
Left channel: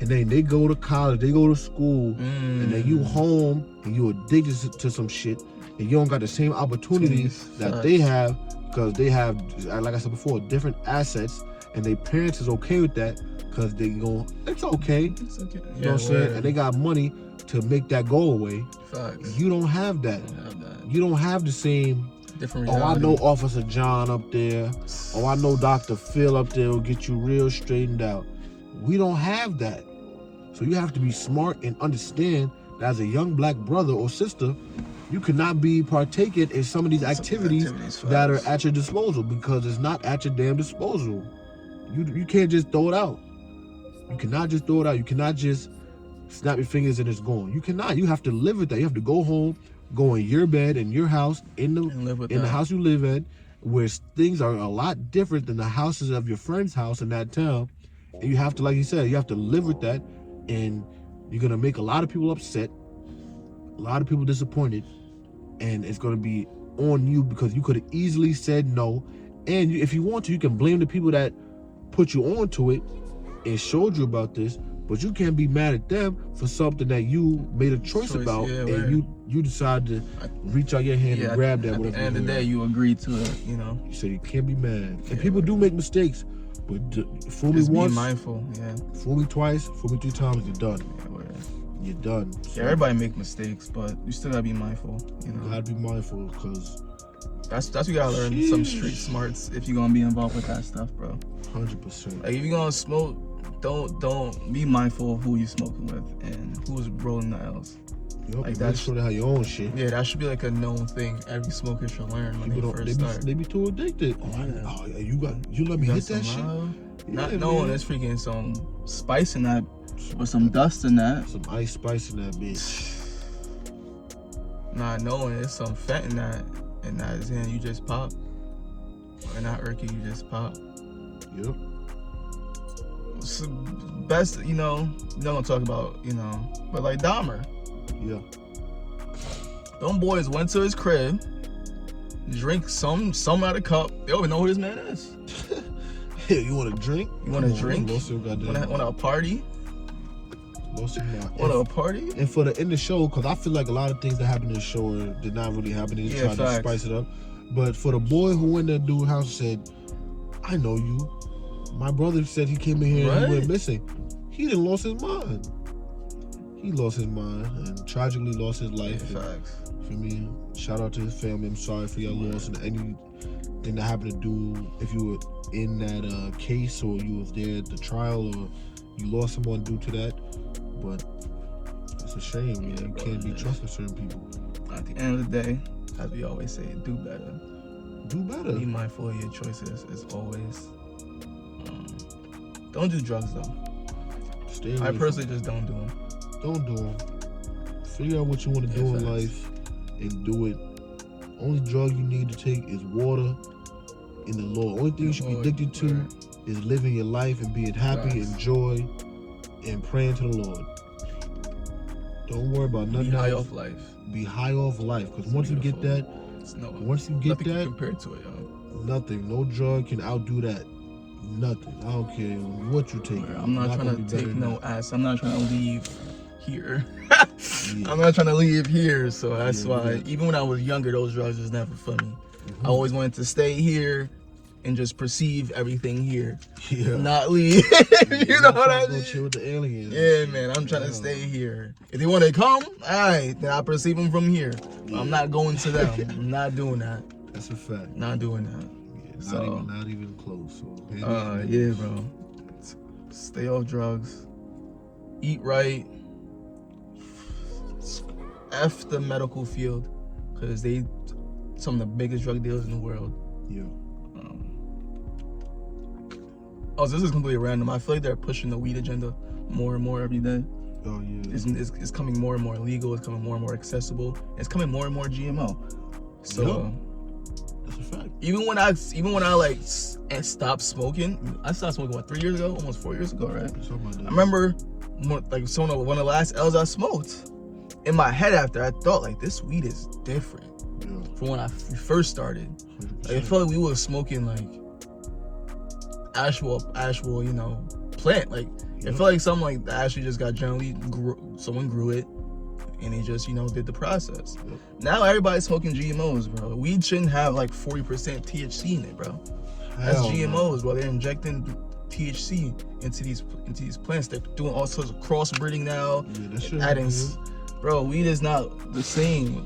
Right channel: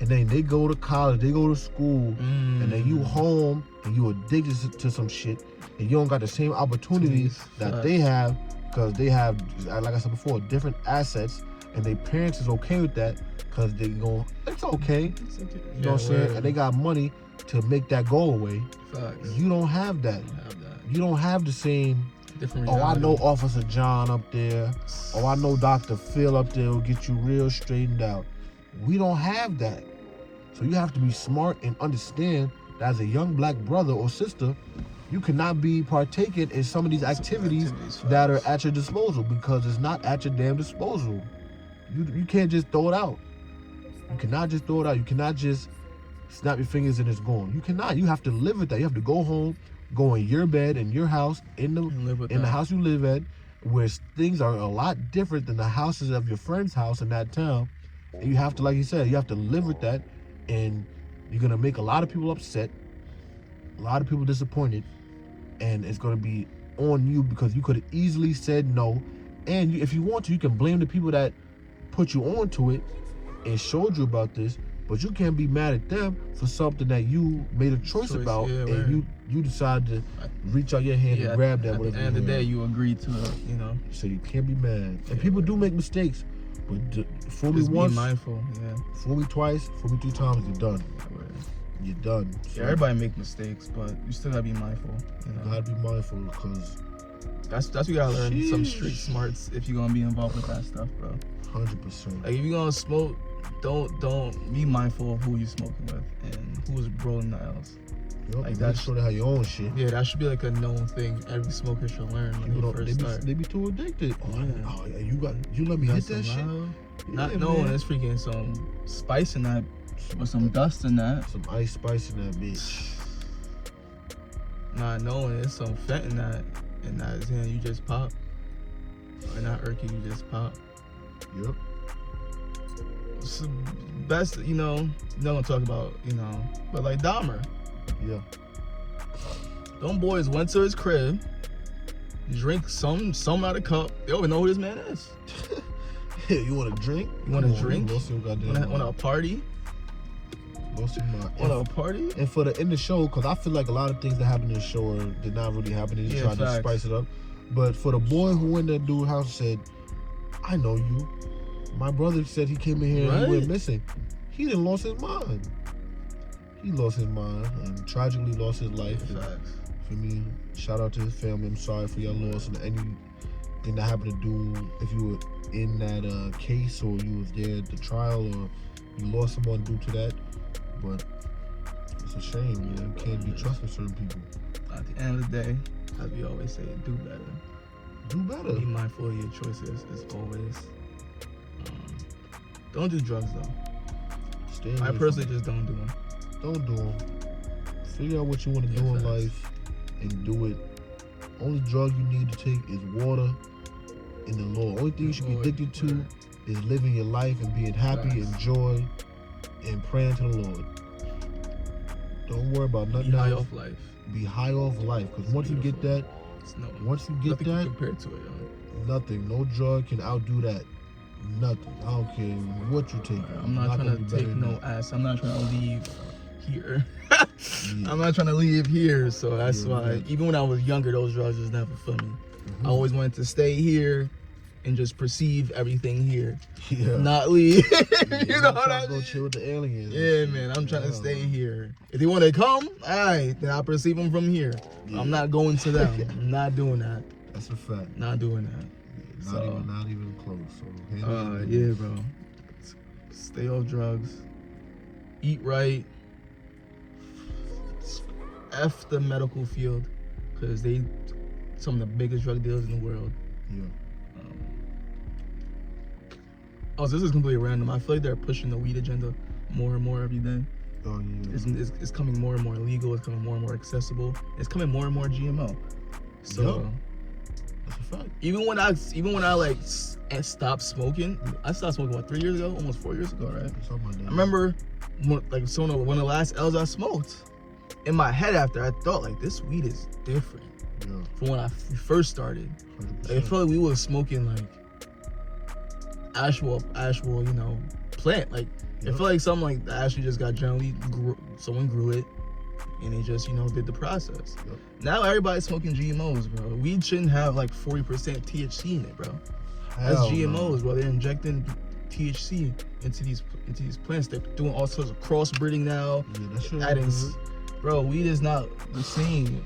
and then they go to college, they go to school, and then you home and you addicted to some shit, and you don't got the same opportunities that they have, because they have, like I said before, different assets, and their parents is okay with that, because they go, it's okay. You know what I'm saying? And they got money to make that go away. Facts. You don't have that. You don't have the same, I know Officer John up there, I know Dr. Phil up there will get you real straightened out. We don't have that. So you have to be smart and understand that as a young black brother or sister, you cannot be partaking in some of these activities that are at your disposal, because it's not at your damn disposal. You can't just throw it out. You cannot just throw it out. You cannot just snap your fingers and it's gone. You cannot. You have to live with that. You have to go home, go in your bed, in your house, in the house you live at, where things are a lot different than the houses of your friend's house in that town. And you have to, like you said, you have to live with that, and you're gonna make a lot of people upset, a lot of people disappointed, and it's gonna be on you because you could have easily said no. And if you want to, you can blame the people that put you onto it and showed you about this, but you can't be mad at them for something that you made a choice about, and you decided to reach out your hand and grab that. At the end of the day, you agreed to it, So you can't be mad. And people do make mistakes, but fool me once, be mindful, fool me twice, fool me 3 times, you're done. You're done. So everybody make mistakes, but you still gotta be mindful. You gotta be mindful, because That's what you gotta learn some street smarts if you're gonna be involved with that stuff, bro. 100%. Like if you're gonna smoke, don't be mindful of who you smoking with and who's rolling the L's. Yep, Like make sure they have your own shit. Yeah, that should be like a known thing every smoker should learn when they first start. They be too addicted. You let me hit that shit. Not knowing there's freaking some spice in that, or some dust in that. Some ice spice in that bitch. Not knowing there's some fat in that, and then you just pop. Or not irky, you just pop. Yep. It's the best, you know, not gonna talk about, but like Dahmer. Yeah. Them boys went to his crib, drink some out of the cup. They don't even know who this man is. Hey, you want a drink? You want a drink? Want a party? Want a party? And for the end of the show, because I feel like a lot of things that happened in the show did not really happen. They tried to spice it up. But for the boy who went to that dude's house and said, I know you. My brother said he came in here and he went missing. He done lost his mind. He lost his mind and tragically lost his life. Facts. For me, shout out to his family. I'm sorry for your loss and anything that happened to do if you were in that case or you was there at the trial or you lost someone due to that. But it's a shame, man. You can't be trusting certain people. At the end of the day, as we always say, do better. Do better. Be mindful of your choices as always. Don't do drugs though. I personally just don't do them. Don't do them. Figure out what you want to do in life and do it. Only drug you need to take is water and the Lord. Only thing you should be addicted to is living your life and being happy and joy and praying to the Lord. Don't worry about nothing. Be high off life. Be high off life, because once you get that, compared to it, yo. Nothing. No drug can outdo that. Nothing. I don't care what you take. I'm not trying to take no ass. I'm not trying to leave here. I'm not trying to leave here, so that's why. Even when I was younger, those drugs was never for me. I always wanted to stay here and just perceive everything here. Not leave. You know what I mean? Chill with the aliens. Yeah, man. I'm trying to stay here. If they want to come, all right, then I perceive them from here. I'm not going to them. I'm not doing that. That's a fact. Not doing that. Not even close. So yeah, bro. Stay off drugs. Eat right. F the medical field, because they some of the biggest drug dealers in the world. Yeah. This is completely random. I feel like they're pushing the weed agenda more and more every day. Oh yeah. It's coming more and more legal. It's coming more and more accessible. It's coming more and more GMO. So. That's a fact. Even when I like stopped smoking, I stopped smoking 3 years ago, almost 4 years ago, right? Something like that. I remember like one of the last L's I smoked. In my head after, I thought like this weed is different from when I first started. Like, I felt like we were smoking like actual plant. Like it felt like something like that actually just got someone grew it. And they just, did the process. Now everybody's smoking GMOs, bro. Weed shouldn't have like 40% THC in it, bro. That's GMOs, bro. They're injecting THC into these plants. They're doing all sorts of crossbreeding now. Yeah, that shit adding, bro, weed is not the same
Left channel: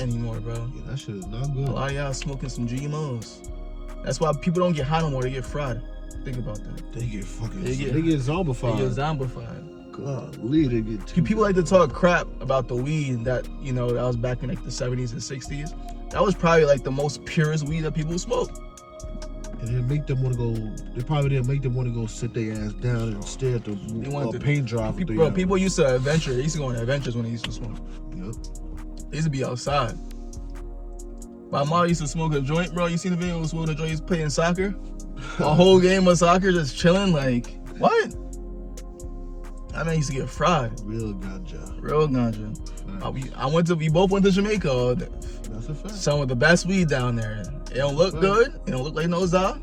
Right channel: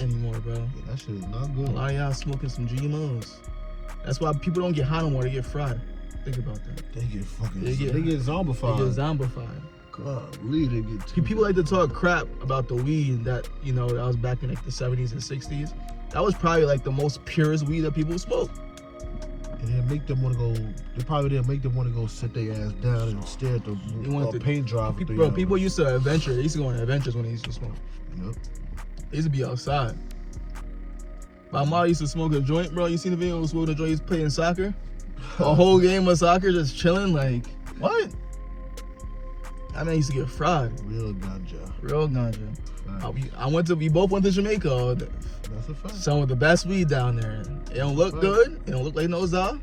anymore, bro. Yeah, that shit is not good. A lot of y'all smoking some GMOs. That's why people don't get high no more. They get fried. Think about that. They get zombified. They get zombified. God, people like to talk crap about the weed that that was back in like the 70s and 60s. That was probably like the most purest weed that people smoked. And they make them want to go. They probably didn't make them want to go sit their ass down and stare at the paint job. People used to adventure. They used to go on adventures when they used to smoke. Yep. They used to be outside. My mom used to smoke a joint, bro. You seen the video of smoking a joint? He's playing soccer. A whole game of soccer, just chilling. Like what? I mean, he used to get fried. Real ganja. We both went to Jamaica. That's a fact. Some of the best weed down there. It don't look good. It don't look like no za.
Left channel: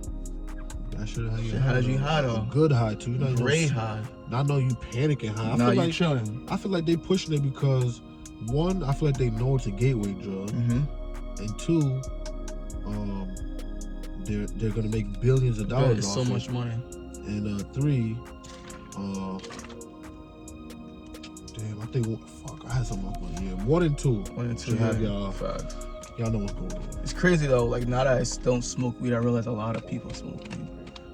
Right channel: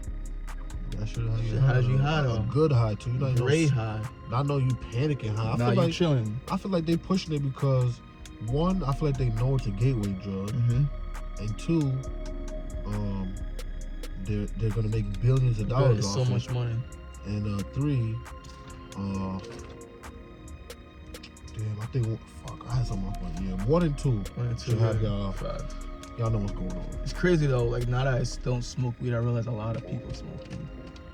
That shit has you high though. A good high too. Great high. Not know you panicking high. I feel like chilling. I feel like they pushing it because one, I feel like they know it's a gateway drug, and two, they're gonna make billions of dollars off so much money. And three, damn, I think I had something like that. Yeah, 1 and 2 should have y'all Y'all know what's going on. It's crazy though. Like now that I don't smoke weed, I realize a lot of people smoke weed.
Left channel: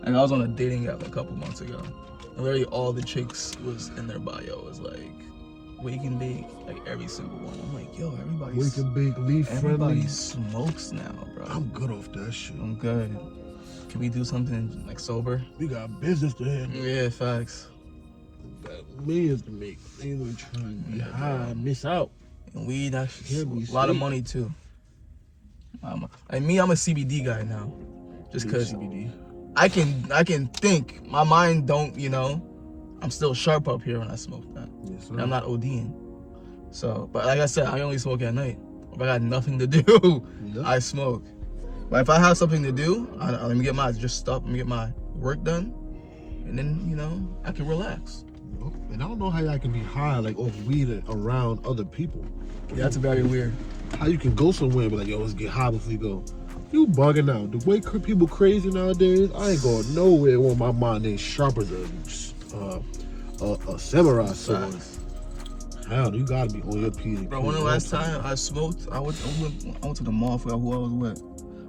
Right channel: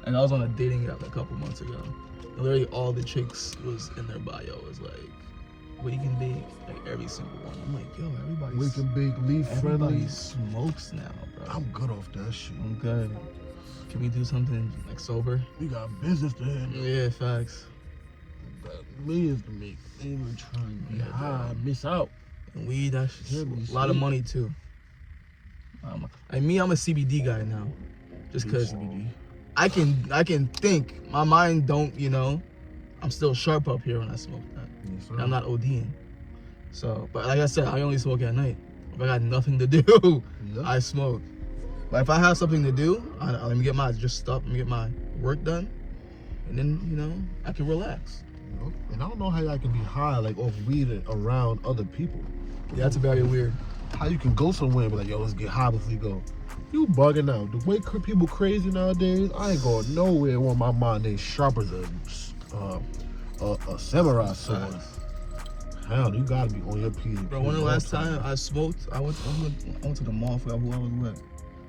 Like I was on a dating app a couple months ago. And literally all the chicks was in their bio. It was like, we can be like every single one. I'm like, yo, We can bake leaf friendly. everybody smokes now, bro. I'm good off that shit. I'm good. Can we do something like sober? We got business to handle. Yeah, facts. We got millions to make. They ain't trying to be high and miss out. And weed, that's Can't be a lot of sweet. money too. I'm a CBD guy now, just cause CBD. I can think. My mind don't, you know. I'm still sharp up here when I smoke that. Yes, And I'm not ODing. So, but like I said, I only smoke at night. If I got nothing to do, I smoke. But if I have something to do, let me get my let me get my work done, and then you know I can relax. And I don't know how y'all can be high like off weed around other people. Yeah, that's very weird. How you can go somewhere but like, yo, let's get high before we go. You bugging out. The way people crazy nowadays, I ain't going nowhere when my mind ain't sharper than a samurai sword. Hell, you gotta be on your P's. Bro, when the last time I smoked, I went to the mall for who I was with.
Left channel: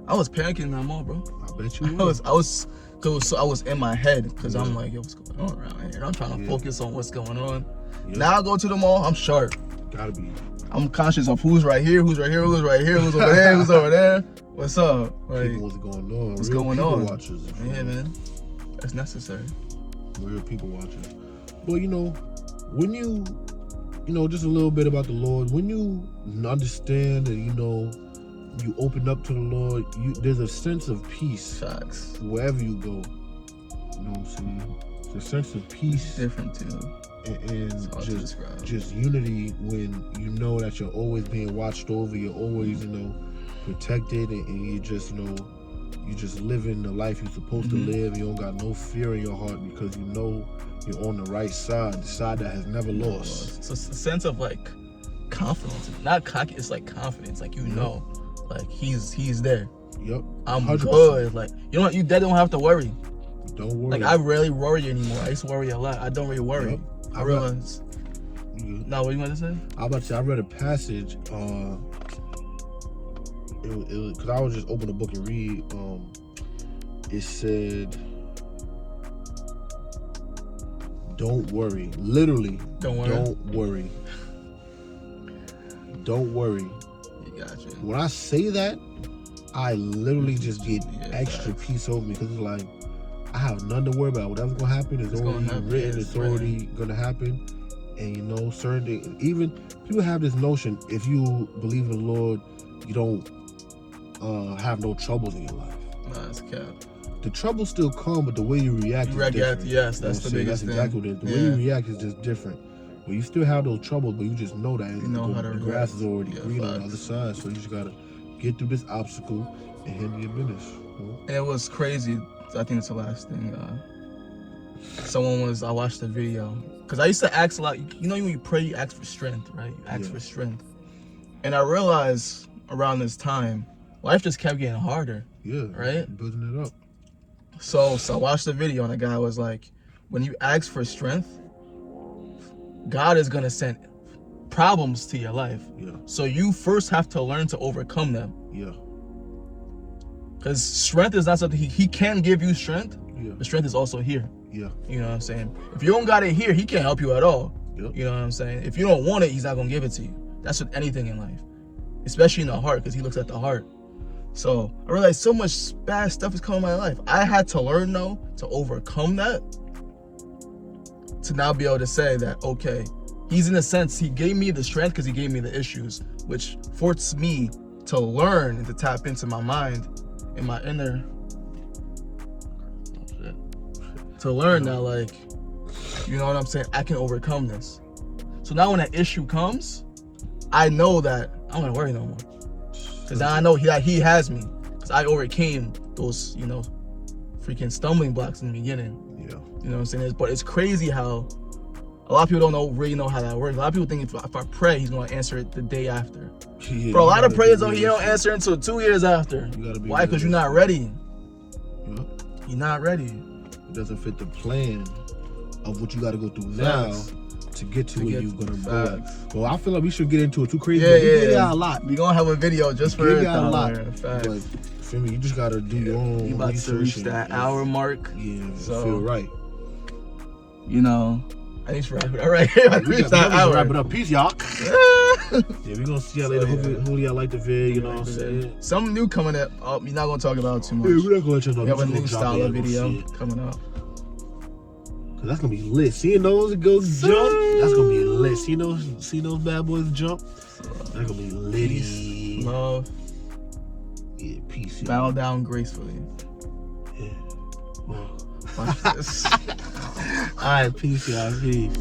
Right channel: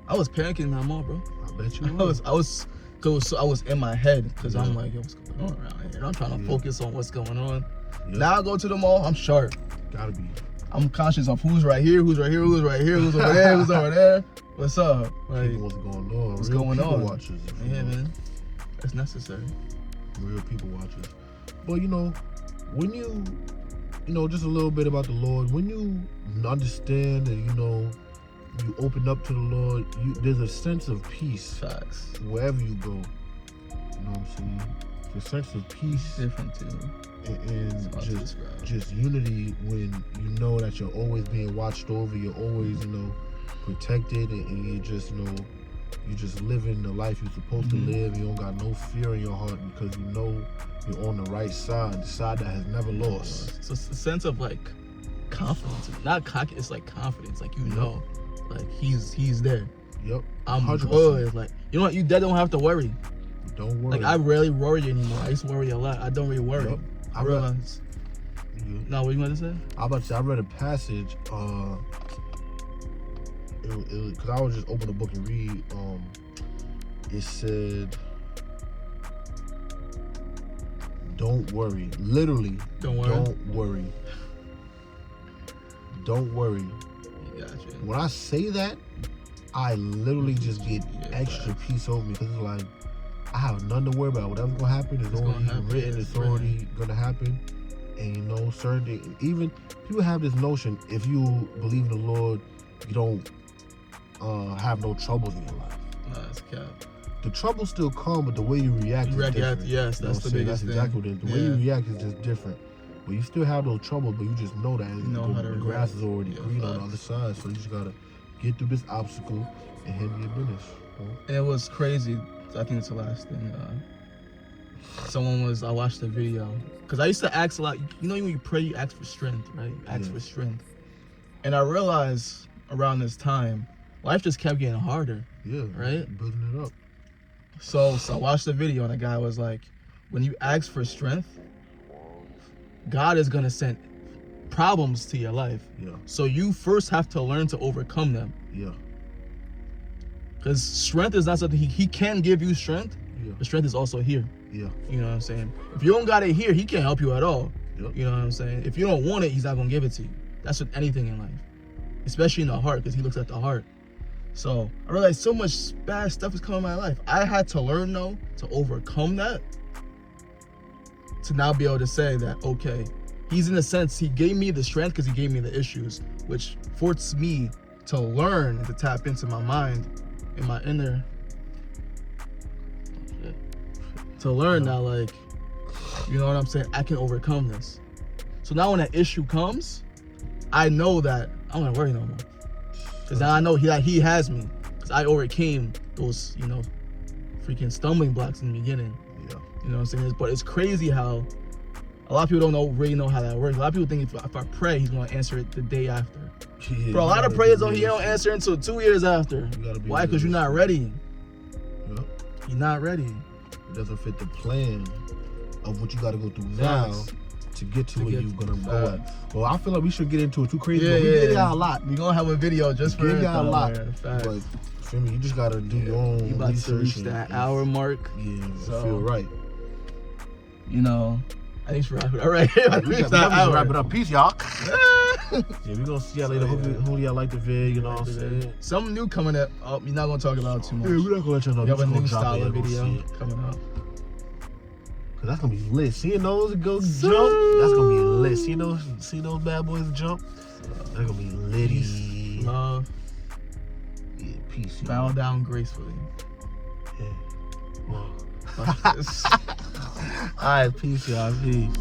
I was panicking in that mall, bro. I bet you I was in my head because I'm like, yo, what's going on around here? I'm trying to focus on what's going on. Yeah. Now I go to the mall, I'm sharp. Gotta be. I'm conscious of who's right here, who's right here, who's right here, who's over there, who's over there. What's up? Like, People, what's going on? What's Real going people on? Watchers, Yeah, man. That's necessary. Real people watchers. Well, you know, when you know, just a little bit about the Lord. When you understand and, you know, you open up to the Lord, there's a sense of peace. Facts. Wherever you go. You know what I'm saying? It's a sense of peace. Different too. And just unity when you know that you're always being watched over, you're always, you know, protected, and you just, you know, you just living the life you're supposed to live. You don't got no fear in your heart because you know you're on the right side, the side that has never lost. So it's a sense of like confidence, not cocky. It's like confidence, like you know, like he's there. Yep. I'm 100%. good. Like you don't have to worry. Don't worry. Like I rarely worry anymore. I used to worry a lot. I don't really worry. Yep. I realize. No, what you want to say? I read a passage. Because I was just open the book and read. It said, "Don't worry." Literally, don't worry. Don't worry. Don't worry. Gotcha. When I say that, I literally just get extra peace over me because it's like I have nothing to worry about. Whatever's gonna happen is already written. It's already gonna happen. And you know, certain things, even people have this notion: if you believe in the Lord, you don't have no troubles in your life. Nah, that's cap. The troubles still come, but the way you react is different. Yes, that's the biggest thing. That's exactly what it is. The way you react is just different. But you still have those troubles, but you just know that the grass is already green on the other side. So you just gotta get through this obstacle and handle your business. It was crazy. I think it's the last thing. I watched the video because I used to ask a lot. You know, when you pray, you ask for strength, right? You ask for strength, and I realized around this time, life just kept getting harder. Yeah. Right. Building it up. So I watched the video and the guy was like, when you ask for strength, God is gonna send problems to your life. Yeah. So you first have to learn to overcome them. Yeah. Because strength is not something he can give you strength. Yeah. But strength is also here. Yeah. You know what I'm saying? If you don't got it here, he can't help you at all. Yep. You know what I'm saying? If you don't want it, he's not gonna give it to you. That's with anything in life, especially in the heart, because he looks at the heart. So I realized so much bad stuff is coming in my life. I had to learn though to overcome that, to now be able to say that, okay, he's in a sense, he gave me the strength because he gave me the issues, which forced me to learn and to tap into my mind and my inner, to learn that, like, you know what I'm saying, I can overcome this. So now when an issue comes, I know that I'm not gonna worry no more. Because now I know he has me. Because I overcame those, you know, freaking stumbling blocks in the beginning. Yeah. You know what I'm saying? But it's crazy how a lot of people don't really know how that works. A lot of people think if I pray, he's going to answer it the day after. Yeah, bro, a lot of prayers he don't answer until 2 years after. Why? Because you're not ready. Yeah. You're not ready. It doesn't fit the plan of what you got to go through now to get to where you're gonna go. Well, I feel like we should get into it too crazy. Yeah, we get out a lot. We gonna have a video just for it. A lot. But feel me, you just gotta do your own. We about to reach that hour mark. Yeah, so feel right. You know, I need to wrap it up right here. We gotta wrap it up. Peace, y'all. Yeah, we gonna see y'all later. Hopefully y'all like the video. You know what I'm saying? Something new coming up. We're not gonna talk about too much. Yeah, we're not gonna let you know. We have a new style of video coming up. Cause that's gonna be lit. Seeing those go jump, that's gonna be lit. See those bad boys jump, that's gonna be litty. Peace, love, yeah, peace. Yeah. Bow down gracefully. Yeah. Wow. Like this. All right, peace, y'all. Peace.